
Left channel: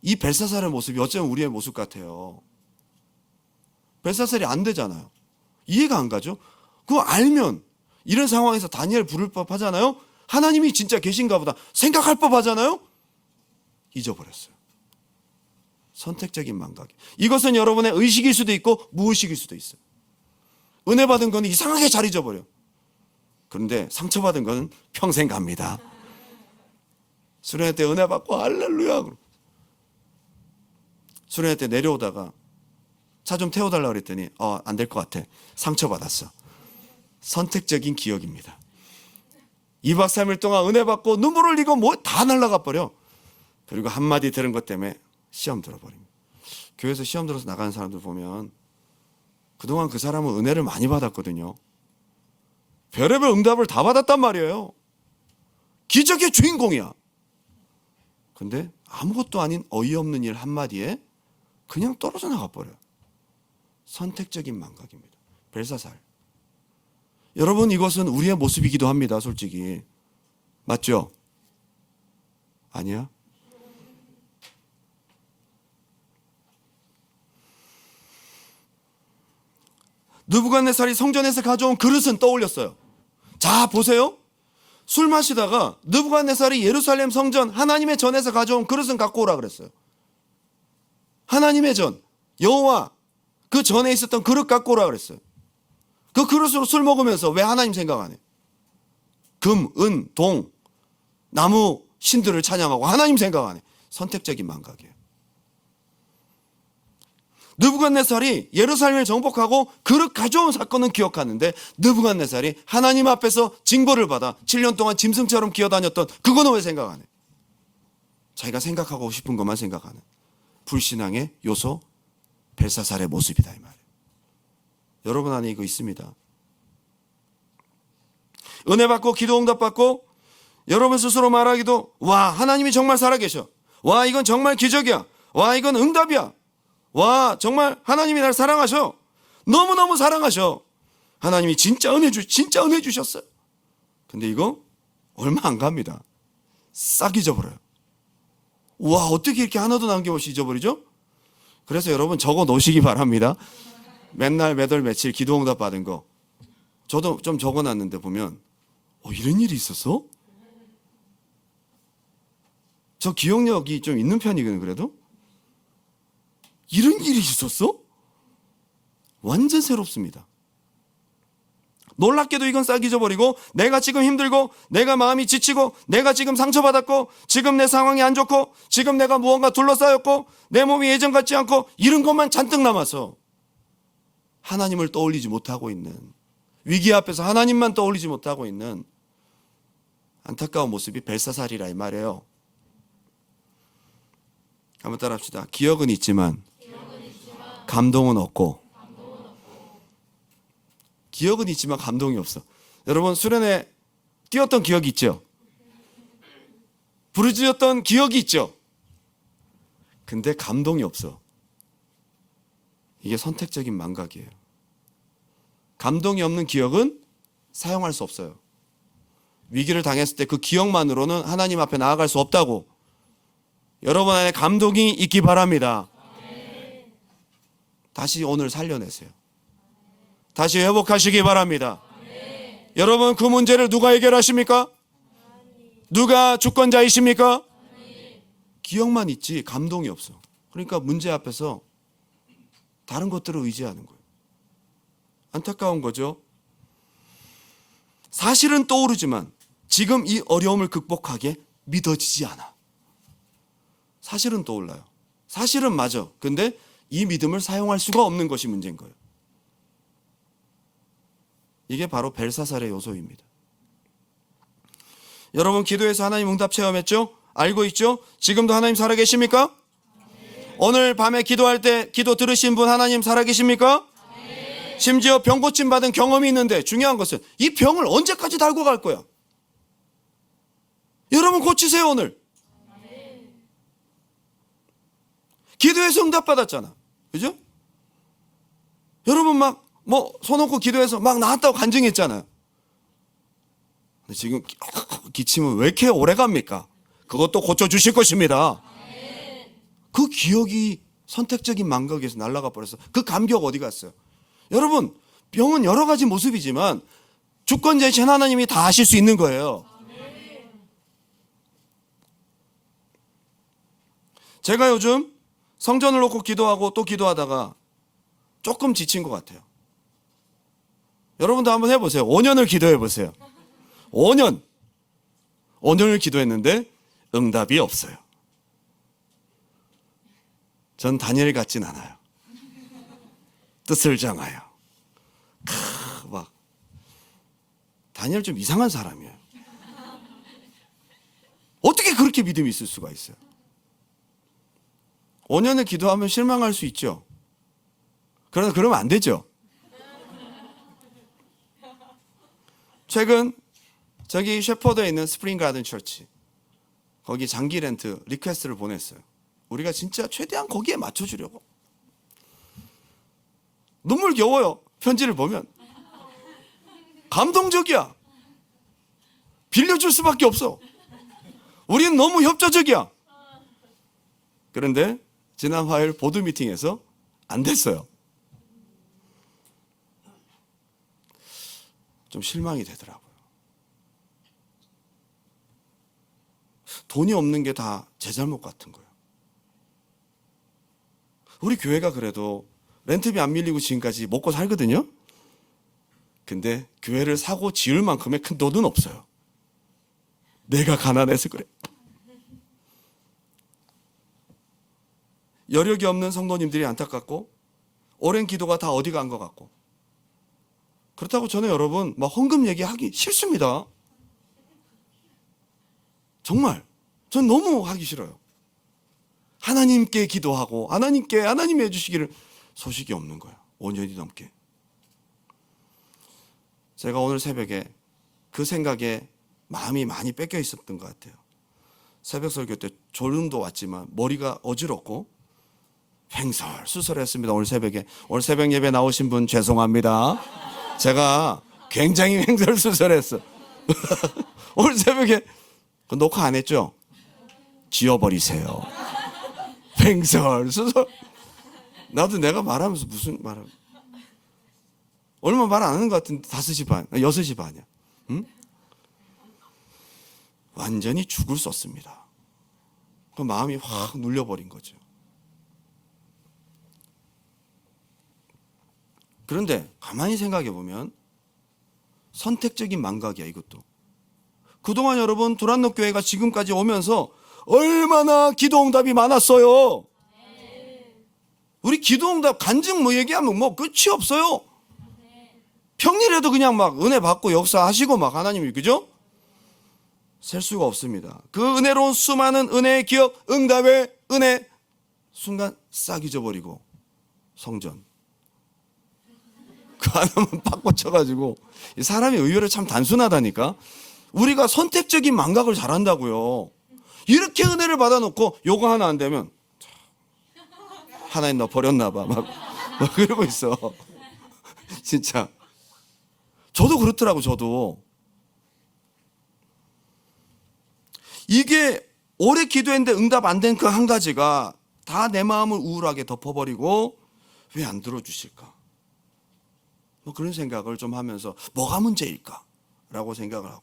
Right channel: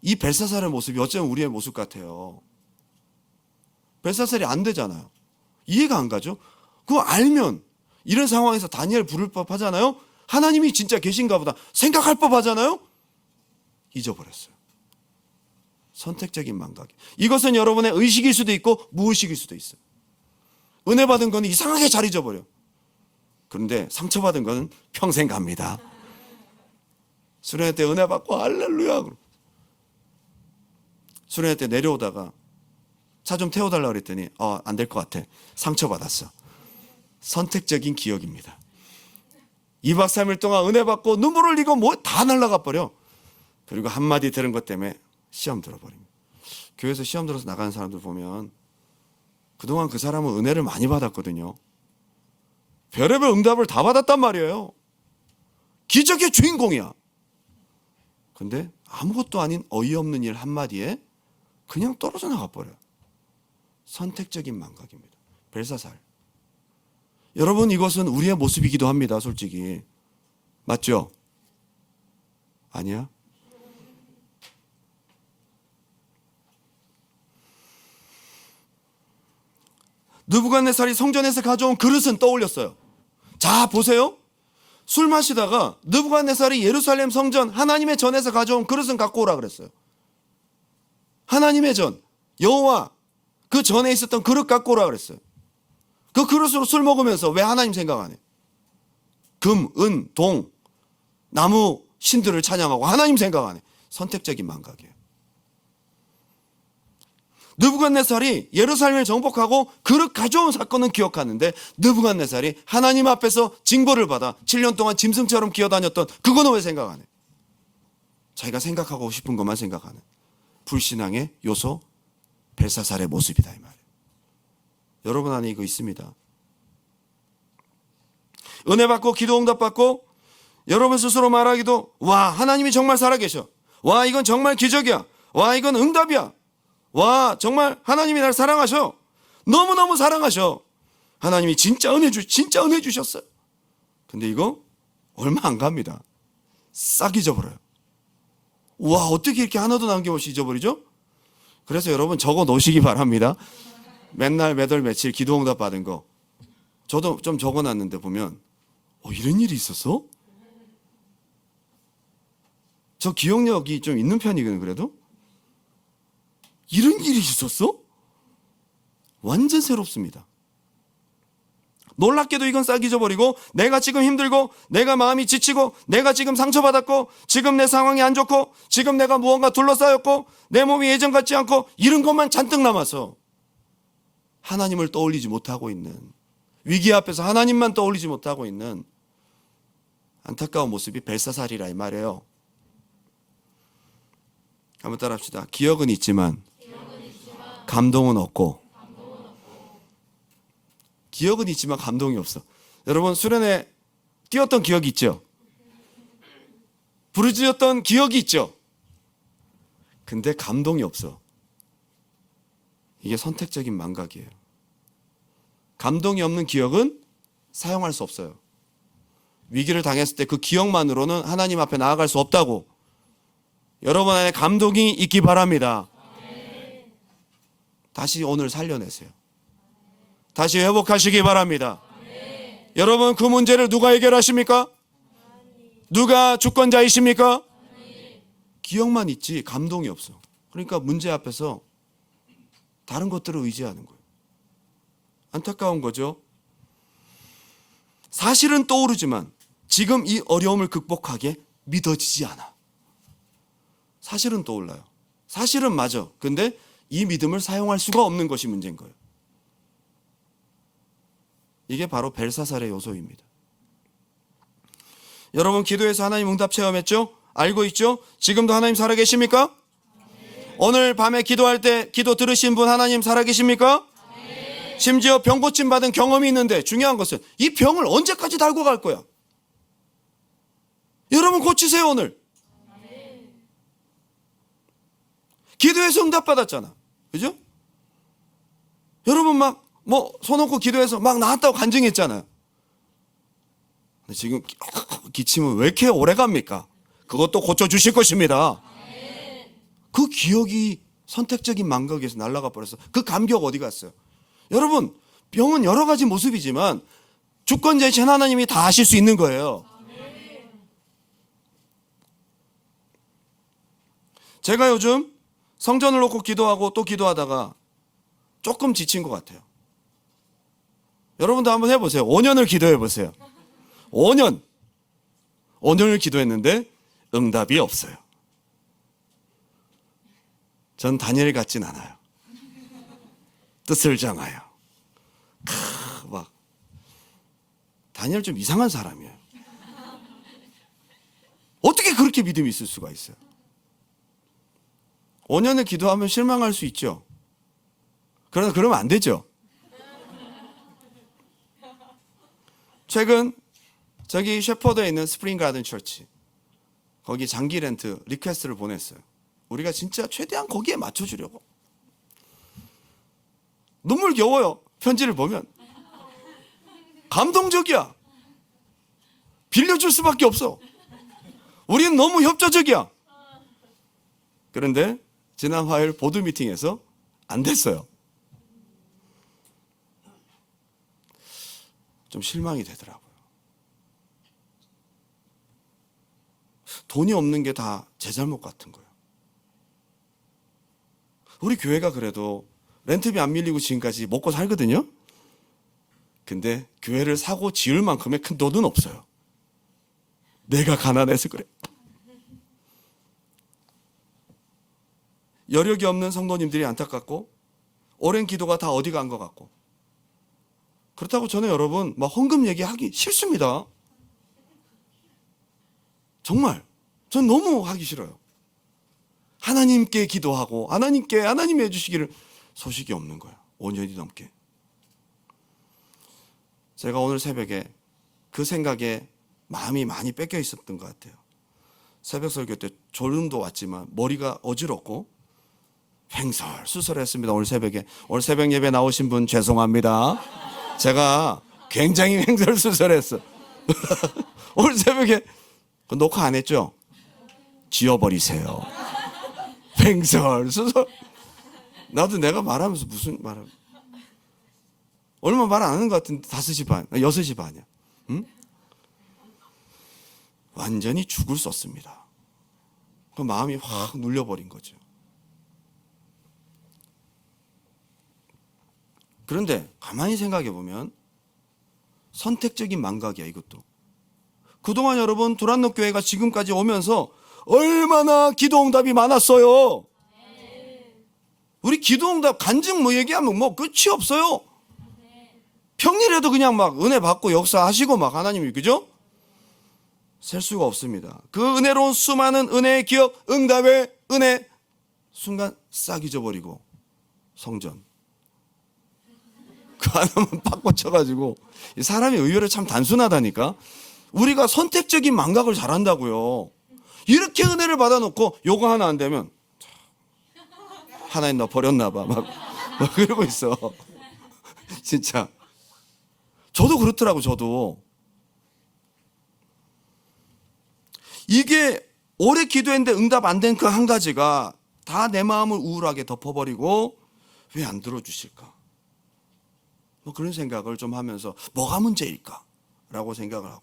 이 벨사살의 모습이 어쩌면 우리의 모습 같아요. 벨사살이 안 되잖아요. 이해가 안 가죠? 그거 알면 이런 상황에서 다니엘 부를 법 하잖아요. 하나님이 진짜 계신가 보다 생각할 법 하잖아요. 잊어버렸어요. 선택적인 망각. 이것은 여러분의 의식일 수도 있고 무의식일 수도 있어요. 은혜 받은 거는 이상하게 잘 잊어버려. 그런데 상처받은 거는 평생 갑니다. 수련회 때 은혜 받고 할렐루야. 수련회 때 내려오다가 차 좀 태워달라고 그랬더니 안 될 것 같아. 상처받았어. 선택적인 기억입니다. 2박 3일 동안 은혜 받고 눈물 흘리고 뭐 다 날아가 버려. 그리고 한마디 들은 것 때문에 시험 들어버립니다. 교회에서 시험 들어서 나가는 사람들 보면 그동안 그 사람은 은혜를 많이 받았거든요. 별의별 응답을 다 받았단 말이에요. 기적의 주인공이야. 근데 아무것도 아닌 어이없는 일 한마디에 그냥 떨어져 나가버려요. 선택적인 망각입니다. 벨사살. 여러분 이것은 우리의 모습이기도 합니다. 솔직히. 맞죠? 아니야? 느부갓네살이 성전에서 가져온 그릇은 떠올렸어요. 자 보세요. 술 마시다가 느부갓네살이 예루살렘 성전 하나님의 전에서 가져온 그릇은 갖고 오라 그랬어요. 하나님의 전 여호와 그 전에 있었던 그릇 갖고 오라 그랬어요. 그 그릇으로 술 먹으면서 왜 하나님 생각 안 해? 금, 은, 동, 나무 신들을 찬양하고 하나님 생각 안 해. 선택적인 망각이에요. 느부갓네살이 예루살렘을 정복하고 그릇 가져온 사건은 기억하는데 느부갓네살이 하나님 앞에서 징벌을 받아 7년 동안 짐승처럼 기어다녔던 그거는 왜 생각 안 해? 자기가 생각하고 싶은 것만 생각하는 불신앙의 요소 벨사살의 모습이다 이 말이에요. 여러분 안에 이거 있습니다. 은혜 받고 기도 응답 받고 여러분 스스로 말하기도 와 하나님이 정말 살아계셔. 와 이건 정말 기적이야. 와 이건 응답이야. 와 정말 하나님이 날 사랑하셔. 너무너무 사랑하셔. 하나님이 진짜 은혜 주셨어요. 근데 이거 얼마 안 갑니다. 싹 잊어버려요. 와 어떻게 이렇게 하나도 남김없이 잊어버리죠? 그래서 여러분 적어 놓으시기 바랍니다. 맨날 몇월 며칠 기도 응답 받은 거 저도 좀 적어놨는데 보면 이런 일이 있었어? 저 기억력이 좀 있는 편이거든요. 그래도 이런 일이 있었어? 완전 새롭습니다. 놀랍게도 이건 싹 잊어버리고, 내가 지금 힘들고, 내가 마음이 지치고, 내가 지금 상처받았고, 지금 내 상황이 안 좋고, 지금 내가 무언가 둘러싸였고, 내 몸이 예전 같지 않고, 이런 것만 잔뜩 남아서 하나님을 떠올리지 못하고 있는, 위기 앞에서 하나님만 떠올리지 못하고 있는 안타까운 모습이 벨사살이라 이 말이에요. 한번 따라 합시다. 기억은 있지만 감동은 없고, 기억은 있지만 감동이 없어. 여러분, 수련회 뛰었던 기억이 있죠? 부르짖었던 기억이 있죠? 근데 감동이 없어. 이게 선택적인 망각이에요. 감동이 없는 기억은 사용할 수 없어요. 위기를 당했을 때 그 기억만으로는 하나님 앞에 나아갈 수 없다고. 여러분 안에 감동이 있기 바랍니다. 다시 오늘 살려내세요. 다시 회복하시기 바랍니다. 여러분, 그 문제를 누가 해결하십니까? 누가 주권자이십니까? 기억만 있지 감동이 없어. 그러니까 문제 앞에서 다른 것들을 의지하는 거예요. 안타까운 거죠. 사실은 떠오르지만 지금 이 어려움을 극복하게 믿어지지 않아. 사실은 떠올라요. 사실은 맞아. 근데 이 믿음을 사용할 수가 없는 것이 문제인 거예요. 이게 바로 벨사살의 요소입니다. 여러분, 기도해서 하나님 응답 체험했죠? 알고 있죠? 지금도 하나님 살아계십니까? 오늘 밤에 기도할 때 기도 들으신 분 하나님 살아계십니까? 심지어 병 고침 받은 경험이 있는데, 중요한 것은 이 병을 언제까지 달고 갈 거야? 여러분, 고치세요. 오늘 기도해서 응답 받았잖아. 그죠? 여러분 막 손 놓고 기도해서 막 나았다고 간증했잖아요. 근데 지금 기침은 왜 이렇게 오래 갑니까? 그것도 고쳐주실 것입니다. 그 기억이 선택적인 망각에서 날아가 버렸어. 그 감격 어디 갔어요? 여러분, 병은 여러 가지 모습이지만 주권자이신 하나님이 다 하실 수 있는 거예요. 제가 요즘 성전을 놓고 기도하고 또 기도하다가 조금 지친 것 같아요. 여러분도 한번 해보세요. 5년을 기도해보세요. 5년을 기도했는데 응답이 없어요. 전 다니엘 같진 않아요. 뜻을 정하여. 막 다니엘 좀 이상한 사람이에요. 어떻게 그렇게 믿음이 있을 수가 있어요? 5년을 기도하면 실망할 수 있죠. 그러나 그러면 안 되죠. 최근 저기 셰퍼드에 있는 스프링 가든 처치, 거기 장기 렌트 리퀘스트를 보냈어요. 우리가 진짜 최대한 거기에 맞춰주려고. 눈물겨워요. 편지를 보면 감동적이야. 빌려줄 수밖에 없어. 우리는 너무 협조적이야. 그런데 지난 화요일 보드 미팅에서 안 됐어요. 좀 실망이 되더라고요. 돈이 없는 게 다 제 잘못 같은 거예요. 우리 교회가 그래도 렌트비 안 밀리고 지금까지 먹고 살거든요. 근데 교회를 사고 지을 만큼의 큰 돈은 없어요. 내가 가난해서 그래. 여력이 없는 성도님들이 안타깝고, 오랜 기도가 다 어디 간 것 같고. 그렇다고 저는 여러분 막 헌금 얘기하기 싫습니다. 정말 전 너무 하기 싫어요. 하나님께 기도하고 하나님이 해주시기를 소식이 없는 거예요. 5년이 넘게. 제가 오늘 새벽에 그 생각에 마음이 많이 뺏겨 있었던 것 같아요. 새벽 설교 때 졸음도 왔지만 머리가 어지럽고 횡설수설했습니다. 오늘 새벽 예배 나오신 분 죄송합니다. 제가 굉장히 횡설수설했어. 오늘 새벽에 그 녹화 안 했죠? 지워버리세요. 횡설수설. 나도 내가 말하면서 무슨 말을, 얼마 말 안 하는 것 같은데 5시 반, 6시 반이야. 응? 완전히 죽을 썼습니다. 그 마음이 확 눌려버린 거죠. 그런데 가만히 생각해 보면 선택적인 망각이야, 이것도. 그동안 여러분 두란노 교회가 지금까지 오면서 얼마나 기도응답이 많았어요. 우리 기도응답 간증 뭐 얘기하면 뭐 끝이 없어요. 평일에도 그냥 막 은혜 받고 역사하시고 막 하나님이, 그죠? 셀 수가 없습니다. 그 은혜로운 수많은 은혜의 기억, 응답의 은혜, 순간 싹 잊어버리고 성전 그 하나만 팍 꽂혀가지고. 사람이 의외로 참 단순하다니까. 우리가 선택적인 망각을 잘한다고요. 이렇게 은혜를 받아놓고 요거 하나 안 되면 하나님 너 버렸나 봐 막 그러고 있어. 진짜 저도 그렇더라고. 저도 이게 오래 기도했는데 응답 안 된 그 한 가지가 다 내 마음을 우울하게 덮어버리고 왜 안 들어주실까, 뭐 그런 생각을 좀 하면서 뭐가 문제일까 라고 생각을 하고,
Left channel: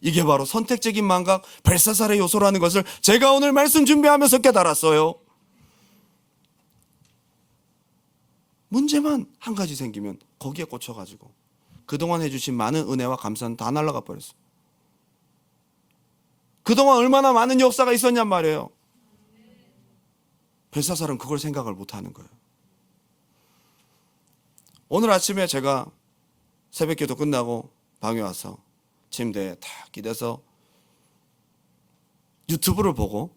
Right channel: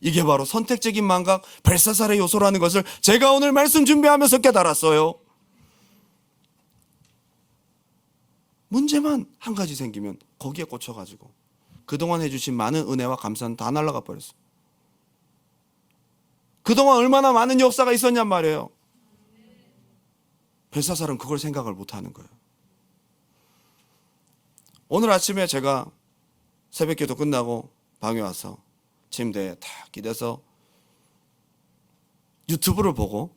이게 바로 선택적인 망각, 벨사살의 요소라는 것을 제가 오늘 말씀 준비하면서 깨달았어요. 문제만 한 가지 생기면 거기에 꽂혀가지고 그동안 해주신 많은 은혜와 감사는 다 날아가 버렸어. 그동안 얼마나 많은 역사가 있었냔 말이에요. 벨사살은 그걸 생각을 못하는 거예요. 오늘 아침에 제가 새벽기도 끝나고 방에 와서 침대에 탁 기대서 유튜브를 보고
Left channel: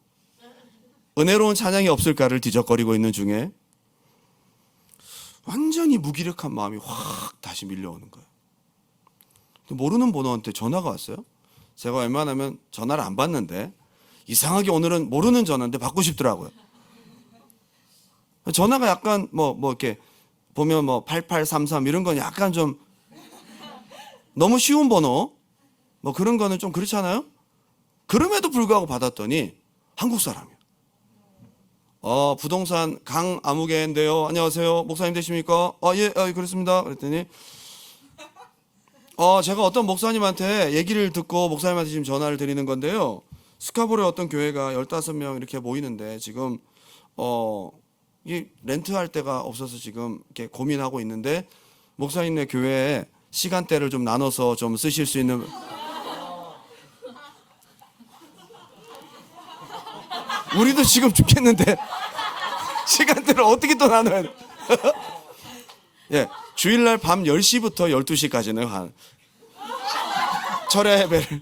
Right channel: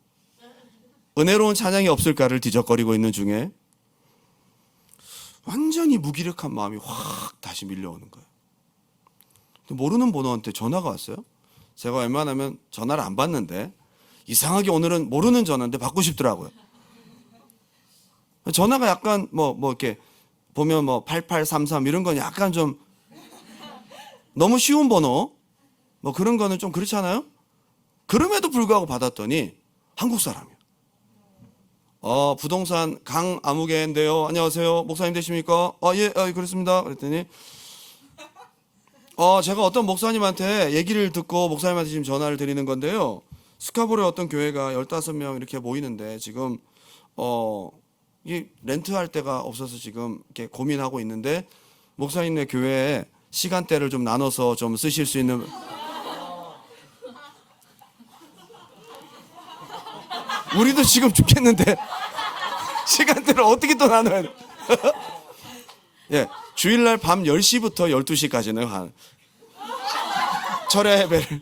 은혜로운 찬양이 없을까를 뒤적거리고 있는 중에 완전히 무기력한 마음이 확 다시 밀려오는 거예요. 모르는 번호한테 전화가 왔어요. 제가 웬만하면 전화를 안 받는데 이상하게 오늘은 모르는 전화인데 받고 싶더라고요. 전화가 약간 뭐 이렇게 보면 뭐 8833 이런 건 약간 좀 너무 쉬운 번호 뭐 그런 거는 좀 그렇잖아요. 그럼에도 불구하고 받았더니 한국 사람이에요. 부동산 강아무개인데요. 안녕하세요. 목사님 되십니까? 예, 그렇습니다. 그랬더니 제가 어떤 목사님한테 얘기를 듣고 목사님한테 지금 전화를 드리는 건데요. 스카보르에 어떤 교회가 15명 이렇게 모이는데 지금 이 렌트할 데가 없어서 지금 이렇게 고민하고 있는데 목사님네 교회에 시간대를 좀 나눠서 좀 쓰실 수 있는. 우리도 지금 죽겠는데 시간대를 어떻게 또 나눠야 돼? 예, 주일날 밤 10시부터 12시까지는 한 철야 예배를.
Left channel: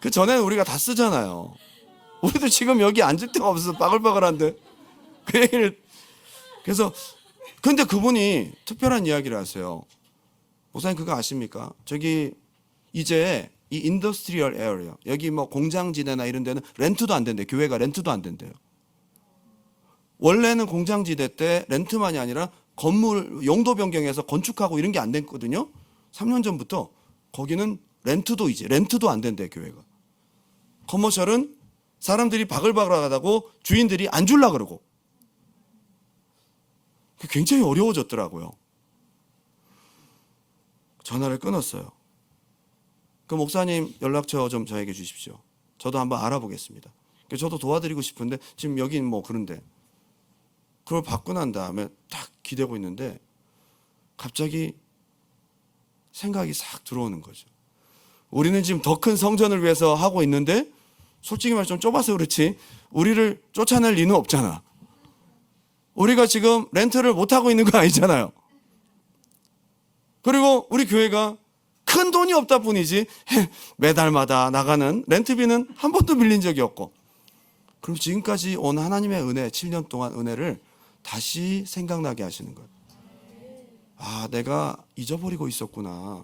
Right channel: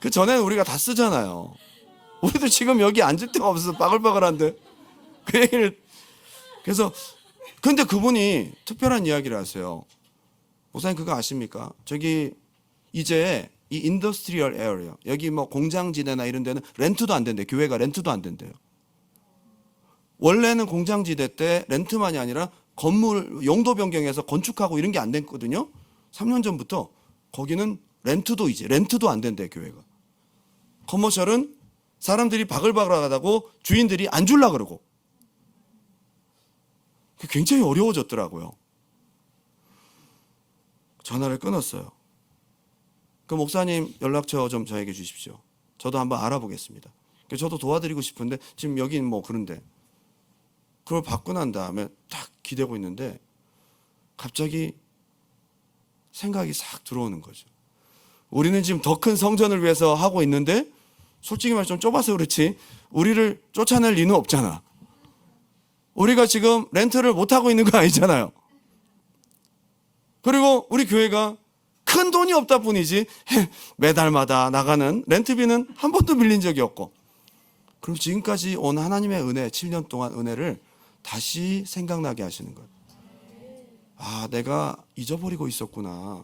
그 전에는 우리가 다 쓰잖아요. 우리도 지금 여기 앉을 데가 없어서 빠글빠글한데 그 얘기를. 그래서 근데 그분이 특별한 이야기를 하세요. 목사님 그거 아십니까? 저기 이제 이 인더스트리얼 에어리어 여기 뭐 공장지대나 이런 데는 렌트도 안 된대. 교회가 렌트도 안 된대요. 원래는 공장지대 때 렌트만이 아니라 건물 용도 변경해서 건축하고 이런 게 안 됐거든요. 3년 전부터 거기는 렌트도 안 된대. 교회가 커머셜은 사람들이 바글바글하다고 주인들이 안 줄라 그러고 굉장히 어려워졌더라고요. 전화를 끊었어요. 그 목사님 연락처 좀 저에게 주십시오. 저도 한번 알아보겠습니다. 저도 도와드리고 싶은데 지금 여긴 뭐 그런데. 그걸 받고 난 다음에 딱 기대고 있는데 갑자기 생각이 싹 들어오는 거죠. 우리는 지금 더 큰 성전을 위해서 하고 있는데 솔직히 말해 좀 좁아서 그렇지 우리를 쫓아낼 리는 없잖아. 우리가 지금 렌트를 못하고 있는 거 아니잖아요. 그리고 우리 교회가 큰 돈이 없다 뿐이지 매달마다 나가는 렌트비는 한 번도 밀린 적이 없고, 그리고 지금까지 온 하나님의 은혜 7년 동안 은혜를 다시 생각나게 하시는 거예요. 내가 잊어버리고 있었구나.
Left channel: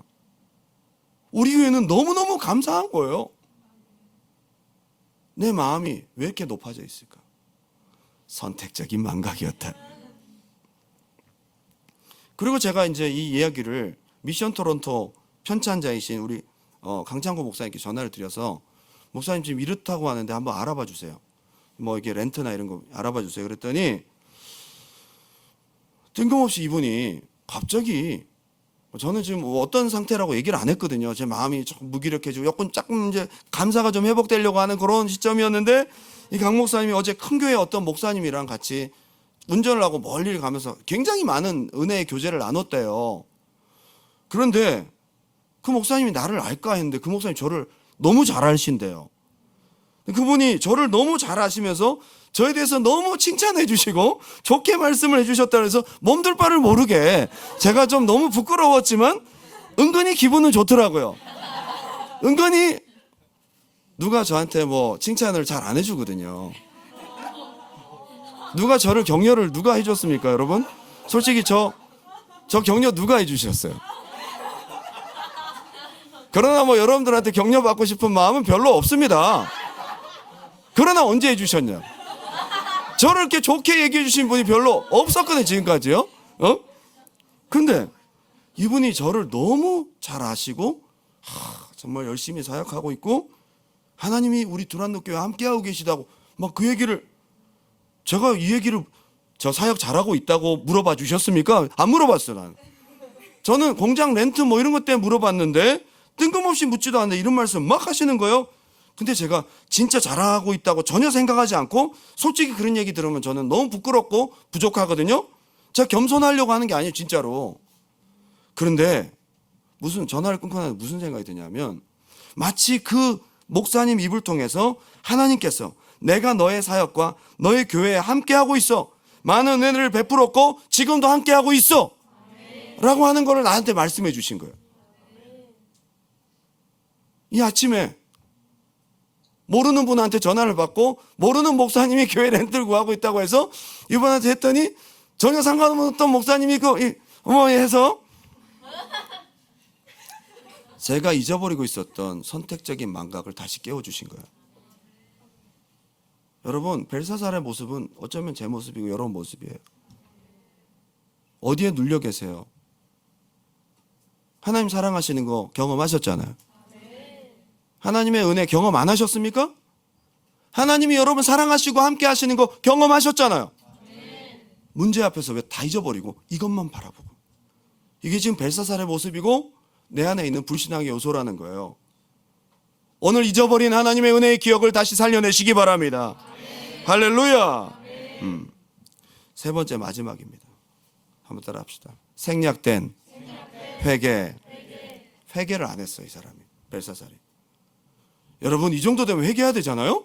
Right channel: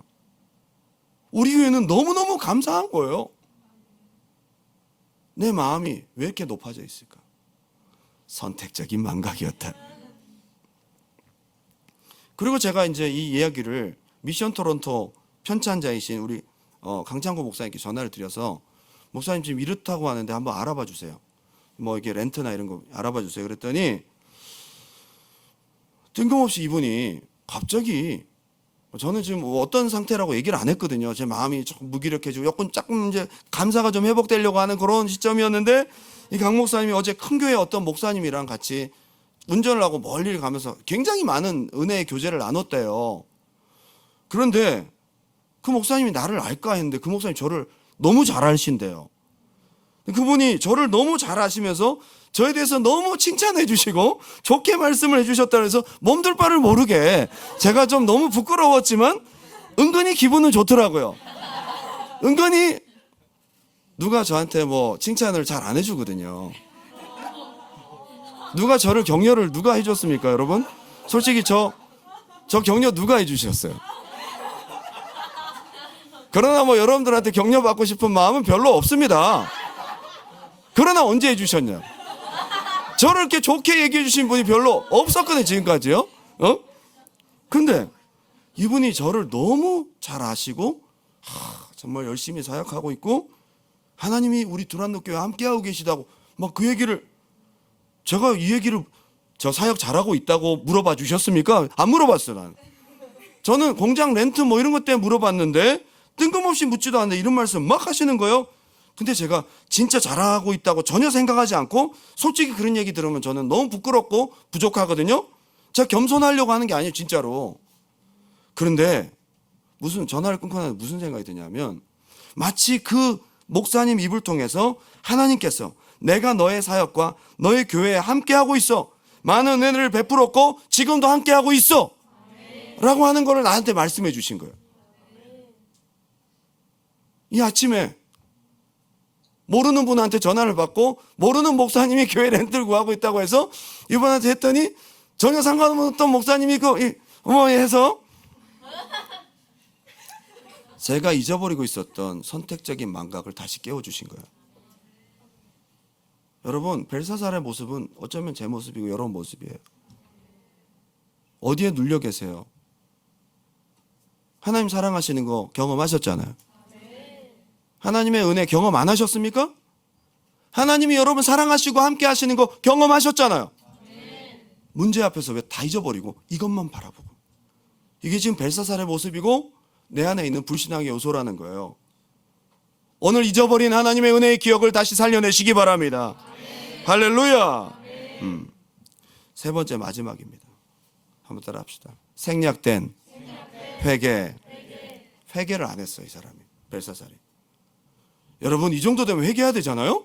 우리 교회는 너무너무 감사한 거예요. 내 마음이 왜 이렇게 높아져 있을까? 선택적인 망각이었다. 그리고 제가 이제 이 이야기를 미션 토론토 편찬자이신 우리 강창구 목사님께 전화를 드려서 목사님 지금 이렇다고 하는데 한번 알아봐 주세요. 뭐 이게 렌트나 이런 거 알아봐 주세요. 그랬더니 뜬금없이 이분이 갑자기, 저는 지금 어떤 상태라고 얘기를 안 했거든요. 제 마음이 조금 무기력해지고 조금 이제 감사가 좀 회복되려고 하는 그런 시점이었는데 이 강 목사님이 어제 큰 교회 어떤 목사님이랑 같이 운전을 하고 멀리 가면서 굉장히 많은 은혜의 교제를 나눴대요. 그런데 그 목사님이 나를 알까 했는데 그 목사님이 저를 너무 잘 아신대요. 그분이 저를 너무 잘 아시면서 저에 대해서 너무 칭찬해 주시고 좋게 말씀을 해 주셨다 그래서 몸둘 바를 모르게 제가 좀 너무 부끄러웠지만 은근히 기분은 좋더라고요. 은근히 누가 저한테 뭐 칭찬을 잘 안 해주거든요. 누가 저를 격려를 누가 해줬습니까, 여러분? 솔직히 저 격려 누가 해주셨어요? 그러나 뭐 여러분들한테 격려받고 싶은 마음은 별로 없습니다. 그러나 언제 해주셨냐? 저를 이렇게 좋게 얘기해 주신 분이 별로 없었거든요, 지금까지요. 근데 이분이 저를 너무 잘 아시고 정말 열심히 사역하고 있고 하나님이 우리 두란노교회 함께하고 계시다고 막 그 얘기를, 제가 이 얘기를 저 사역 잘하고 있다고 물어봐 주셨습니까? 안 물어봤어요. 난. 저는 공장 렌트 뭐 이런 것 때문에 물어봤는데 뜬금없이 묻지도 않는데 이런 말씀 막 하시는 거예요. 근데 제가 진짜 잘하고 있다고 전혀 생각하지 않고 솔직히 그런 얘기 들으면 저는 너무 부끄럽고 부족하거든요. 제가 겸손하려고 하는 게 아니에요, 진짜로. 그런데 무슨 전화를 끊고 나서 무슨 생각이 드냐면 마치 그 목사님 입을 통해서 하나님께서 내가 너의 사역과 너의 교회에 함께하고 있어, 많은 은혜를 베풀었고 지금도 함께하고 있어 라고 하는 걸 나한테 말씀해 주신 거예요. 이 아침에 모르는 분한테 전화를 받고 모르는 목사님이 교회 렌트를 구하고 있다고 해서 이분한테 했더니 전혀 상관없던 목사님이 해서 제가 잊어버리고 있었던 선택적인 망각을 다시 깨워주신 거예요. 여러분, 벨사살의 모습은 어쩌면 제 모습이고 여러분 모습이에요. 어디에 눌려 계세요? 하나님 사랑하시는 거 경험하셨잖아요. 하나님의 은혜 경험 안 하셨습니까? 하나님이 여러분 사랑하시고 함께 하시는 거 경험하셨잖아요. 문제 앞에서 왜 다 잊어버리고 이것만 바라보고. 이게 지금 벨사살의 모습이고 내 안에 있는 불신앙의 요소라는 거예요. 오늘 잊어버린 하나님의 은혜의 기억을 다시 살려내시기 바랍니다. 할렐루야. 세 번째 마지막입니다. 한번 따라 합시다. 생략된 회개. 회개를 안 했어요, 이 사람이. 벨사살이. 여러분, 이 정도 되면 회개해야 되잖아요.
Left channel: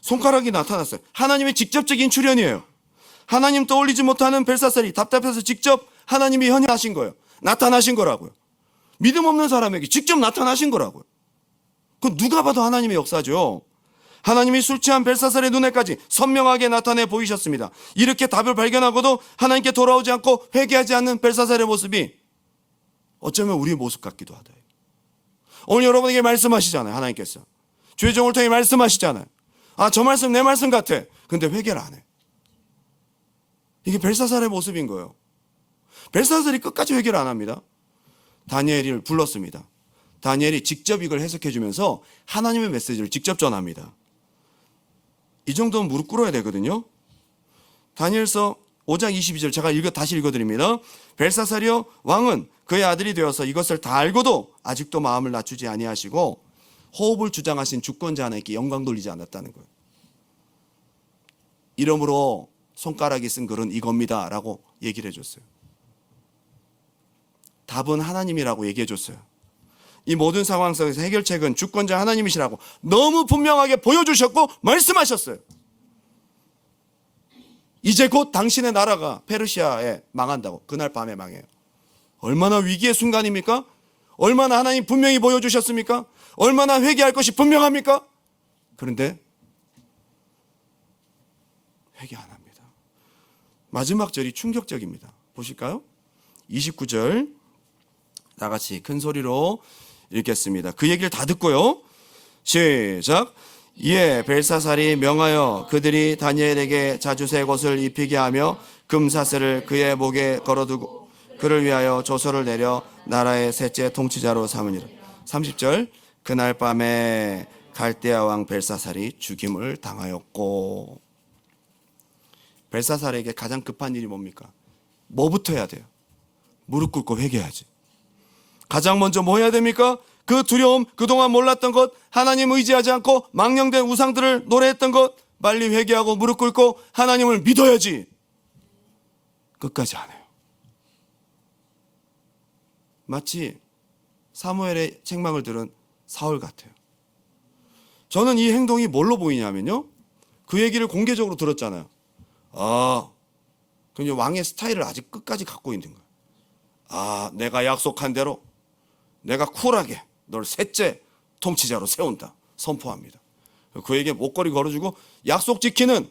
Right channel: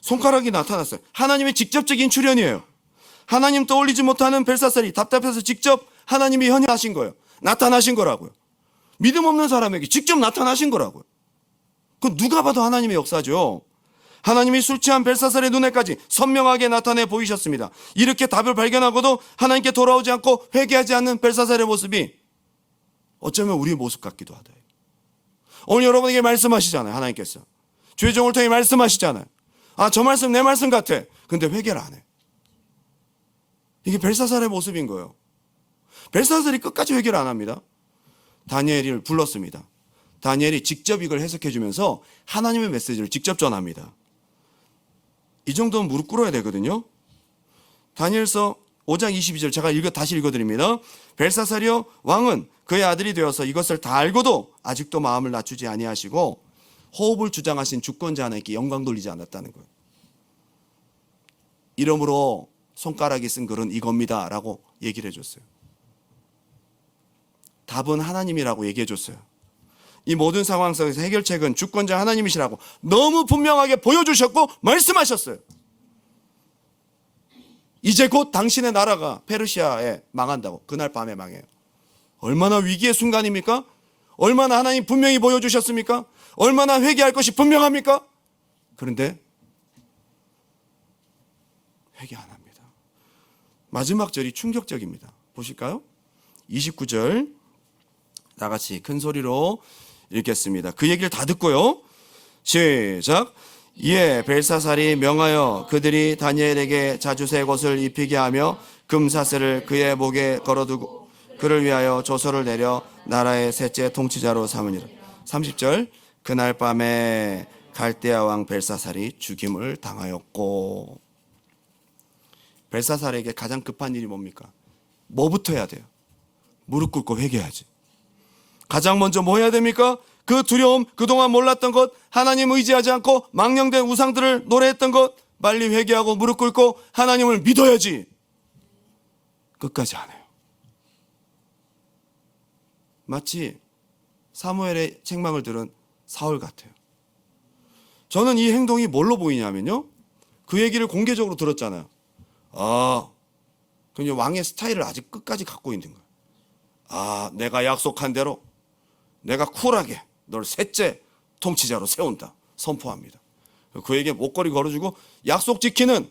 손가락이 나타났어요. 하나님의 직접적인 출현이에요. 하나님 떠올리지 못하는 벨사살이 답답해서 직접 하나님이 현현하신 거예요. 나타나신 거라고요. 믿음 없는 사람에게 직접 나타나신 거라고요. 그건 누가 봐도 하나님의 역사죠. 하나님이 술 취한 벨사살의 눈에까지 선명하게 나타내 보이셨습니다. 이렇게 답을 발견하고도 하나님께 돌아오지 않고 회개하지 않는 벨사살의 모습이 어쩌면 우리의 모습 같기도 하다. 오늘 여러분에게 말씀하시잖아요. 하나님께서 죄종을 통해 말씀하시잖아요. 아, 저 말씀 내 말씀 같아. 근데 회개를 안 해. 이게 벨사살의 모습인 거예요. 벨사살이 끝까지 회개를 안 합니다. 다니엘을 불렀습니다. 다니엘이 직접 이걸 해석해 주면서 하나님의 메시지를 직접 전합니다. 이 정도는 무릎 꿇어야 되거든요. 다니엘서 5장 22절 제가 다시 읽어드립니다. 벨사살이여, 왕은 그의 아들이 되어서 이것을 다 알고도 아직도 마음을 낮추지 아니하시고 호흡을 주장하신 주권자 하나님께 영광 돌리지 않았다는 거예요. 이러므로 손가락이 쓴 글은 이겁니다 라고 얘기를 해줬어요. 답은 하나님이라고 얘기해 줬어요. 이 모든 상황 속에서 해결책은 주권자 하나님이시라고 너무 분명하게 보여주셨고 말씀하셨어요. 이제 곧 당신의 나라가 페르시아에 망한다고. 그날 밤에 망해요. 얼마나 위기의 순간입니까? 얼마나 하나님 분명히 보여주셨습니까? 얼마나 회개할 것이 분명합니까? 그런데 회개 안 합니다. 마지막 절이 충격적입니다. 보실까요? 29절 다 같이 큰 소리로 읽겠습니다. 그 얘기를 다 듣고요. 시작. 이에 벨사살이 명하여 그들이 다니엘에게 자주새 옷을 입히게 하며 금사슬을 그의 목에 걸어두고 그를 위하여 조서를 내려 나라의 셋째 통치자로 삼으니라. 30절. 그날 밤에 갈대아 왕 벨사살이 죽임을 당하였고. 벨사살에게 가장 급한 일이 뭡니까? 뭐부터 해야 돼요? 무릎 꿇고 회개해야지. 가장 먼저 뭐 해야 됩니까? 그 두려움, 그동안 몰랐던 것, 하나님 의지하지 않고 망령된 우상들을 노래했던 것, 빨리 회개하고 무릎 꿇고 하나님을 믿어야지. 끝까지 안 해요. 마치 사무엘의 책망을 들은 사울 같아요. 저는 이 행동이 뭘로 보이냐면요, 그 얘기를 공개적으로 들었잖아요. 그럼 왕의 스타일을 아직 끝까지 갖고 있는 거예요. 내가 약속한 대로 내가 쿨하게 널 셋째 통치자로 세운다 선포합니다. 그에게 목걸이 걸어주고 약속 지키는,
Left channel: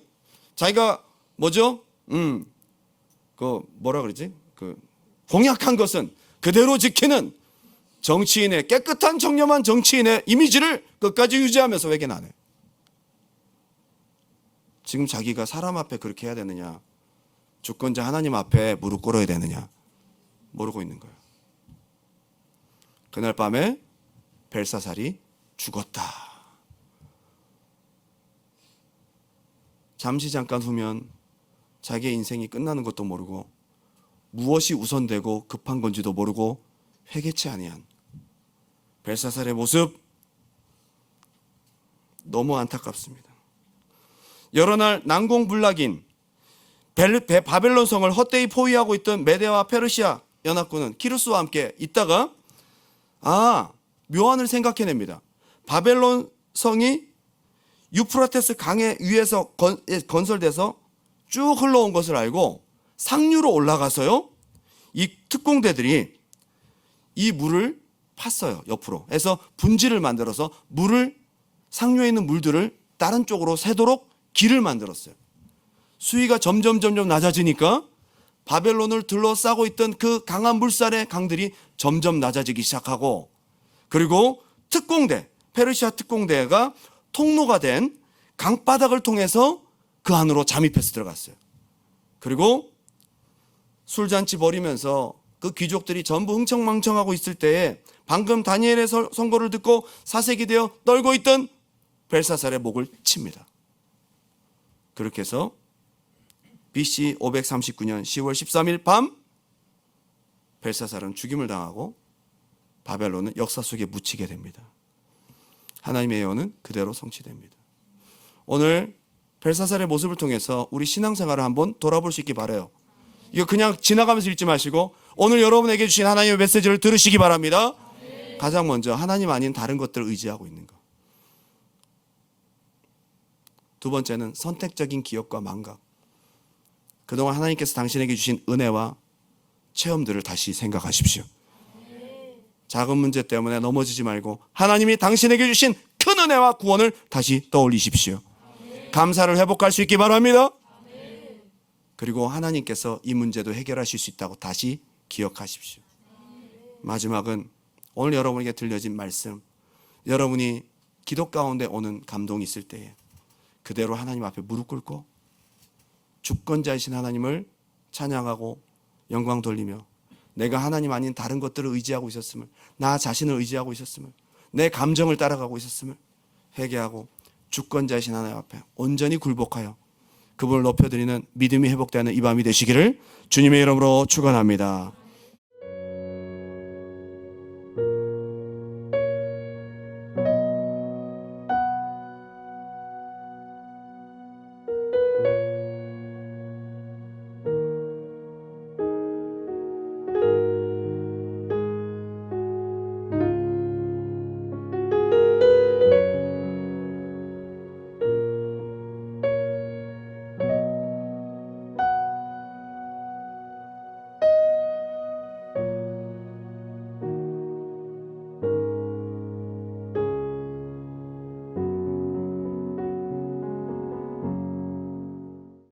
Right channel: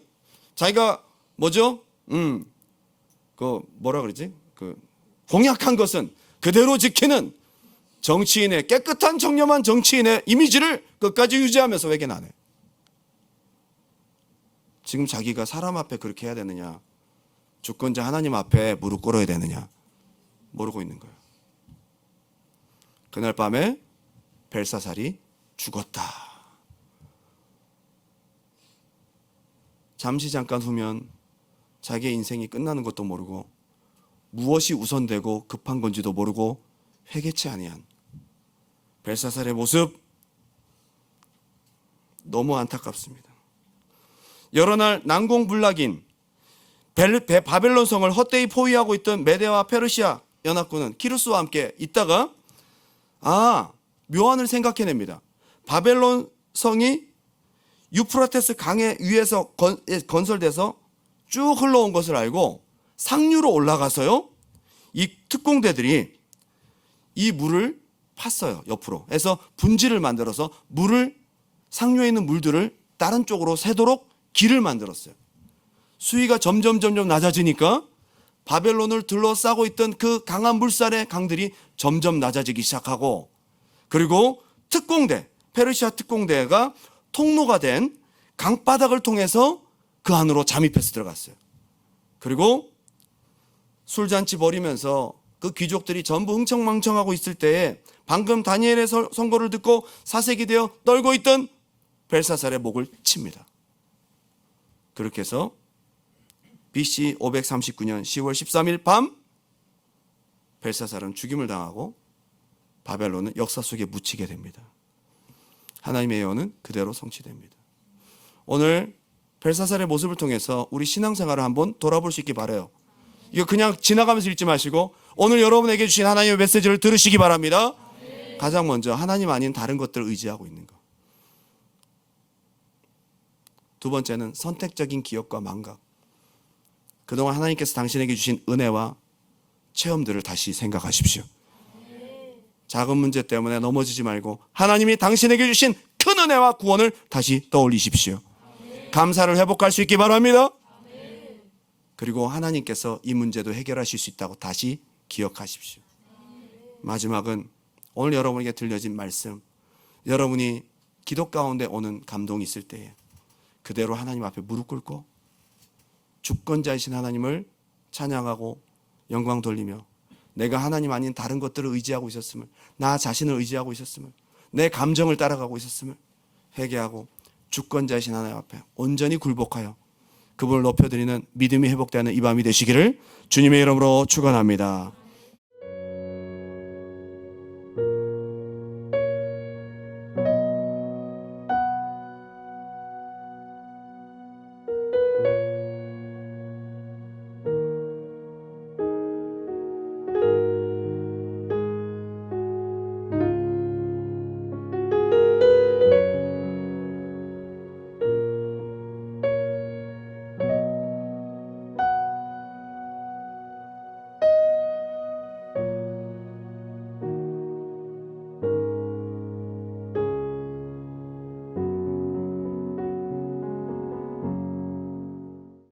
자기가 뭐죠? 그 뭐라 그러지? 그 공약한 것은 그대로 지키는 정치인의, 깨끗한 청렴한 정치인의 이미지를 끝까지 유지하면서 회개는 안 해요. 지금 자기가 사람 앞에 그렇게 해야 되느냐, 주권자 하나님 앞에 무릎 꿇어야 되느냐 모르고 있는 거예요. 그날 밤에 벨사살이 죽었다. 잠시 잠깐 후면 자기의 인생이 끝나는 것도 모르고 무엇이 우선되고 급한 건지도 모르고 회개치 아니한 벨사살의 모습, 너무 안타깝습니다. 여러 날 난공불락인 바벨론 성을 헛되이 포위하고 있던 메대와 페르시아 연합군은 키루스와 함께 있다가 묘안을 생각해냅니다. 바벨론 성이 유프라테스 강의 위에서 건설돼서 쭉 흘러온 것을 알고 상류로 올라가서요, 이 특공대들이 이 물을 팠어요. 옆으로 해서 분지를 만들어서 물을, 상류에 있는 물들을 다른 쪽으로 새도록 길을 만들었어요. 수위가 점점 낮아지니까 바벨론을 둘러싸고 있던 그 강한 물살의 강들이 점점 낮아지기 시작하고, 그리고 특공대, 페르시아 특공대가 통로가 된 강바닥을 통해서 그 안으로 잠입해서 들어갔어요. 그리고 술잔치 벌이면서 그 귀족들이 전부 흥청망청하고 있을 때에 방금 다니엘의 선고를 듣고 사색이 되어 떨고 있던 벨사살의 목을 칩니다. 그렇게 해서 BC 539년 10월 13일 밤 벨사살은 죽임을 당하고 바벨론은 역사 속에 묻히게 됩니다. 하나님의 예언은 그대로 성취됩니다. 오늘 벨사살의 모습을 통해서 우리 신앙생활을 한번 돌아볼 수 있기 바라요. 이거 그냥 지나가면서 읽지 마시고 오늘 여러분에게 주신 하나님의 메시지를 들으시기 바랍니다. 가장 먼저 하나님 아닌 다른 것들을 의지하고 있는 것. 두 번째는 선택적인 기억과 망각. 그동안 하나님께서 당신에게 주신 은혜와 체험들을 다시 생각하십시오. 작은 문제 때문에 넘어지지 말고 하나님이 당신에게 주신 큰 은혜와 구원을 다시 떠올리십시오. 감사를 회복할 수 있기 바랍니다. 그리고 하나님께서 이 문제도 해결하실 수 있다고 다시 기억하십시오. 마지막은 오늘 여러분에게 들려진 말씀, 여러분이 기도 가운데 오는 감동이 있을 때에 그대로 하나님 앞에 무릎 꿇고 주권자이신 하나님을 찬양하고 영광 돌리며 내가 하나님 아닌 다른 것들을 의지하고 있었음을, 나 자신을 의지하고 있었음을, 내 감정을 따라가고 있었음을 회개하고 주권자이신 하나님 앞에 온전히 굴복하여 그분을 높여드리는 믿음이 회복되는 이 밤이 되시기를 주님의 이름으로 축원합니다.